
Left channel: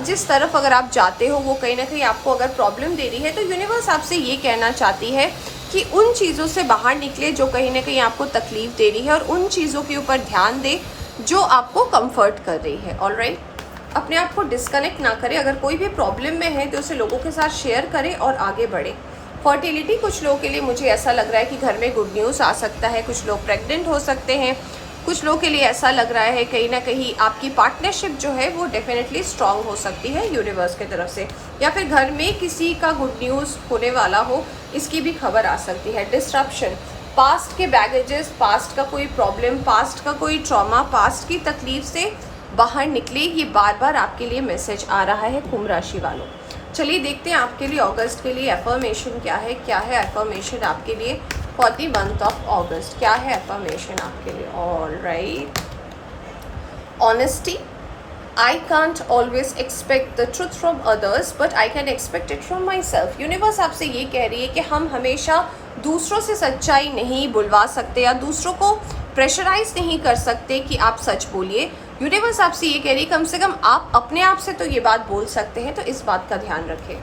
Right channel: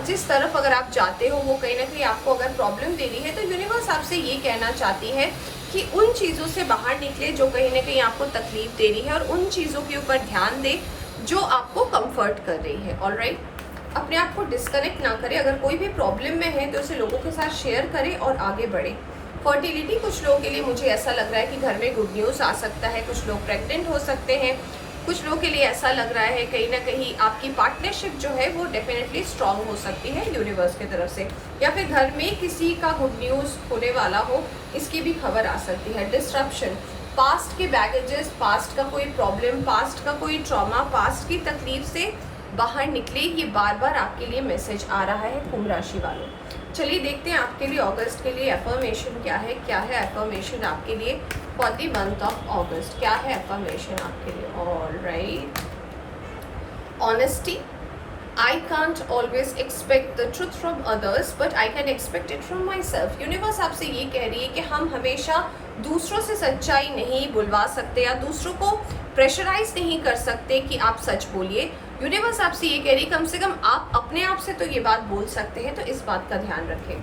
जिस तरफ अगर आप जाते हो वो कहीं ना कहीं आपको अगर प्रॉब्लम दे रही है, तो यूनिवर्स आपसे ये कहना चाहती है कि उन चीज़ों से बाहर निकले जो कहीं ना कहीं आपको तकलीफ दे रही है, और उन चीज़ों के ऊपर ध्यान दे जो आपको कंफर्ट कर रही है। ऑलराइट, अपने आप को डिस्कनेक्ट ना करें। अगर कोई भी प्रॉब्लम में है तो उसे लोगों के साथ शेयर करें और आगे बढ़े। फर्टिलिटी, कुछ लोगों के लिए मुझे ऐसा लग रहा है कि घर में गुड न्यूज़ आ सकता है, कुछ लोग प्रेग्नेंट हो सकते हैं, कुछ लोगों के लिए ऐसा लग रहा है कहीं ना कहीं आपकी पार्टनरशिप जो है वो डेफिनेटली स्ट्रांग हो सकती है यूनिवर्स की तरफ से, या फिर घर में किसी का गुड न्यूज़ होने वाला हो, इसकी भी खबर आ सकती है। डिस्ट्रप्शन, पास्ट के बैगेजेस, पास्ट का कोई प्रॉब्लम, पास्ट का कोई ट्रॉमा, पास्ट की तकलीफ से बाहर निकले, ये बार बार आपके लिए मैसेज आ रहा है कुंभ राशि वालों। चलिए देखते हैं आपके लिए अगस्त के लिए एफर्मेशन क्या है। क्या है एफर्मेशन आपके लिए फॉर द मंथ ऑफ अगस्त? क्या है एफर्मेशन आपके लिए? Alright, honesty, I can't always expect the truth from others but I can expect it from my self. Universe आपसे ये कह रही है कि हम हमेशा दूसरों से सच्चाई नहीं बुलवा सकते, या दूसरों को प्रेशराइज नहीं कर सकते कि आप सच बोलिए। यूनिवर्स आपसे ये कह रही है कम से कम आप अपने आप से तो ये बात बोल सकते हैं, तो इस बात का ध्यान रखें।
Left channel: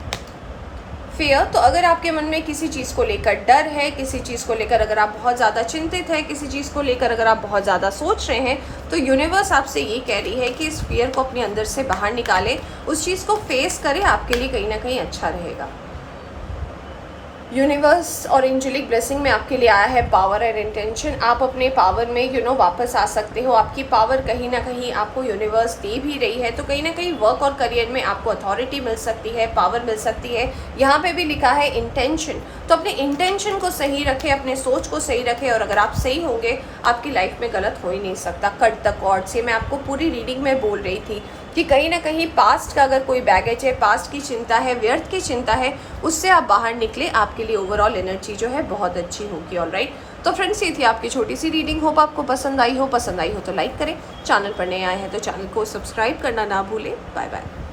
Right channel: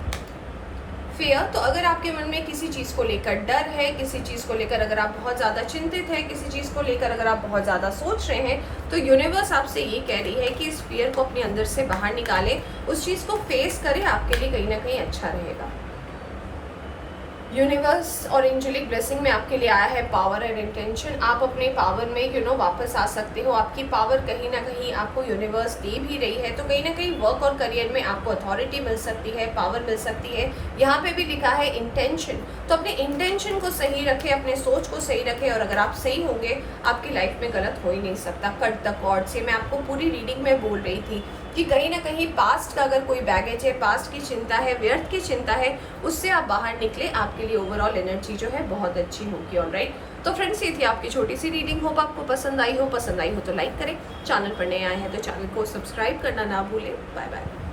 फियर, तो अगर आपके मन में किसी चीज़ को लेकर डर है, किसी चीज़ को लेकर अगर आप बहुत ज़्यादा चिंतित हैं, किसी चीज़ को लेकर अगर आप बहुत ज़्यादा सोच रहे हैं, तो यूनिवर्स आपसे ये कह रही है कि इस फियर को अपने अंदर से बाहर निकालें, उस चीज़ को फेस करें, आपके लिए कहीं ना कहीं अच्छा रहेगा। यूनिवर्स और एंजेलिक ब्लेसिंग में आपके लिए आया है पावर एंड इंटेंशन। आप अपने पावर में वापस आ सकते हो। आपकी पावर कहीं ना कहीं आपको यूनिवर्स दे भी रही है, तो कहीं ना कहीं वर्क और करियर में आपको अथॉरिटी मिल सकती है, पावर मिल सकती है। यहाँ पे भी लिखा है इंटेंशन, तो अपने इंटेंशन को सही रखें, अपने सोच को सही रखें, और अगर आप सही होंगे आपकी लाइफ में गलत हो ही नहीं सकता। कट द कॉर्ड से मैं आपको पूरी रीडिंग में बोल रही थी कि कहीं ना कहीं पास्ट का अगर कोई बैगेज है, पास्ट की चिंता है, व्यर्थ की चिंता है, उससे आप बाहर निकले, आपके लिए ओवरऑल एनर्जी जो है बहुत अच्छी होगी। ऑलराइट, तो फ्रेंड्स ये थी आपकी छोटी सी रीडिंग। होप आपको पसंद आई हो तो लाइक करें, चैनल पर नए आए हैं तो चैनल को सब्सक्राइब करना ना भूलें। Bye bye.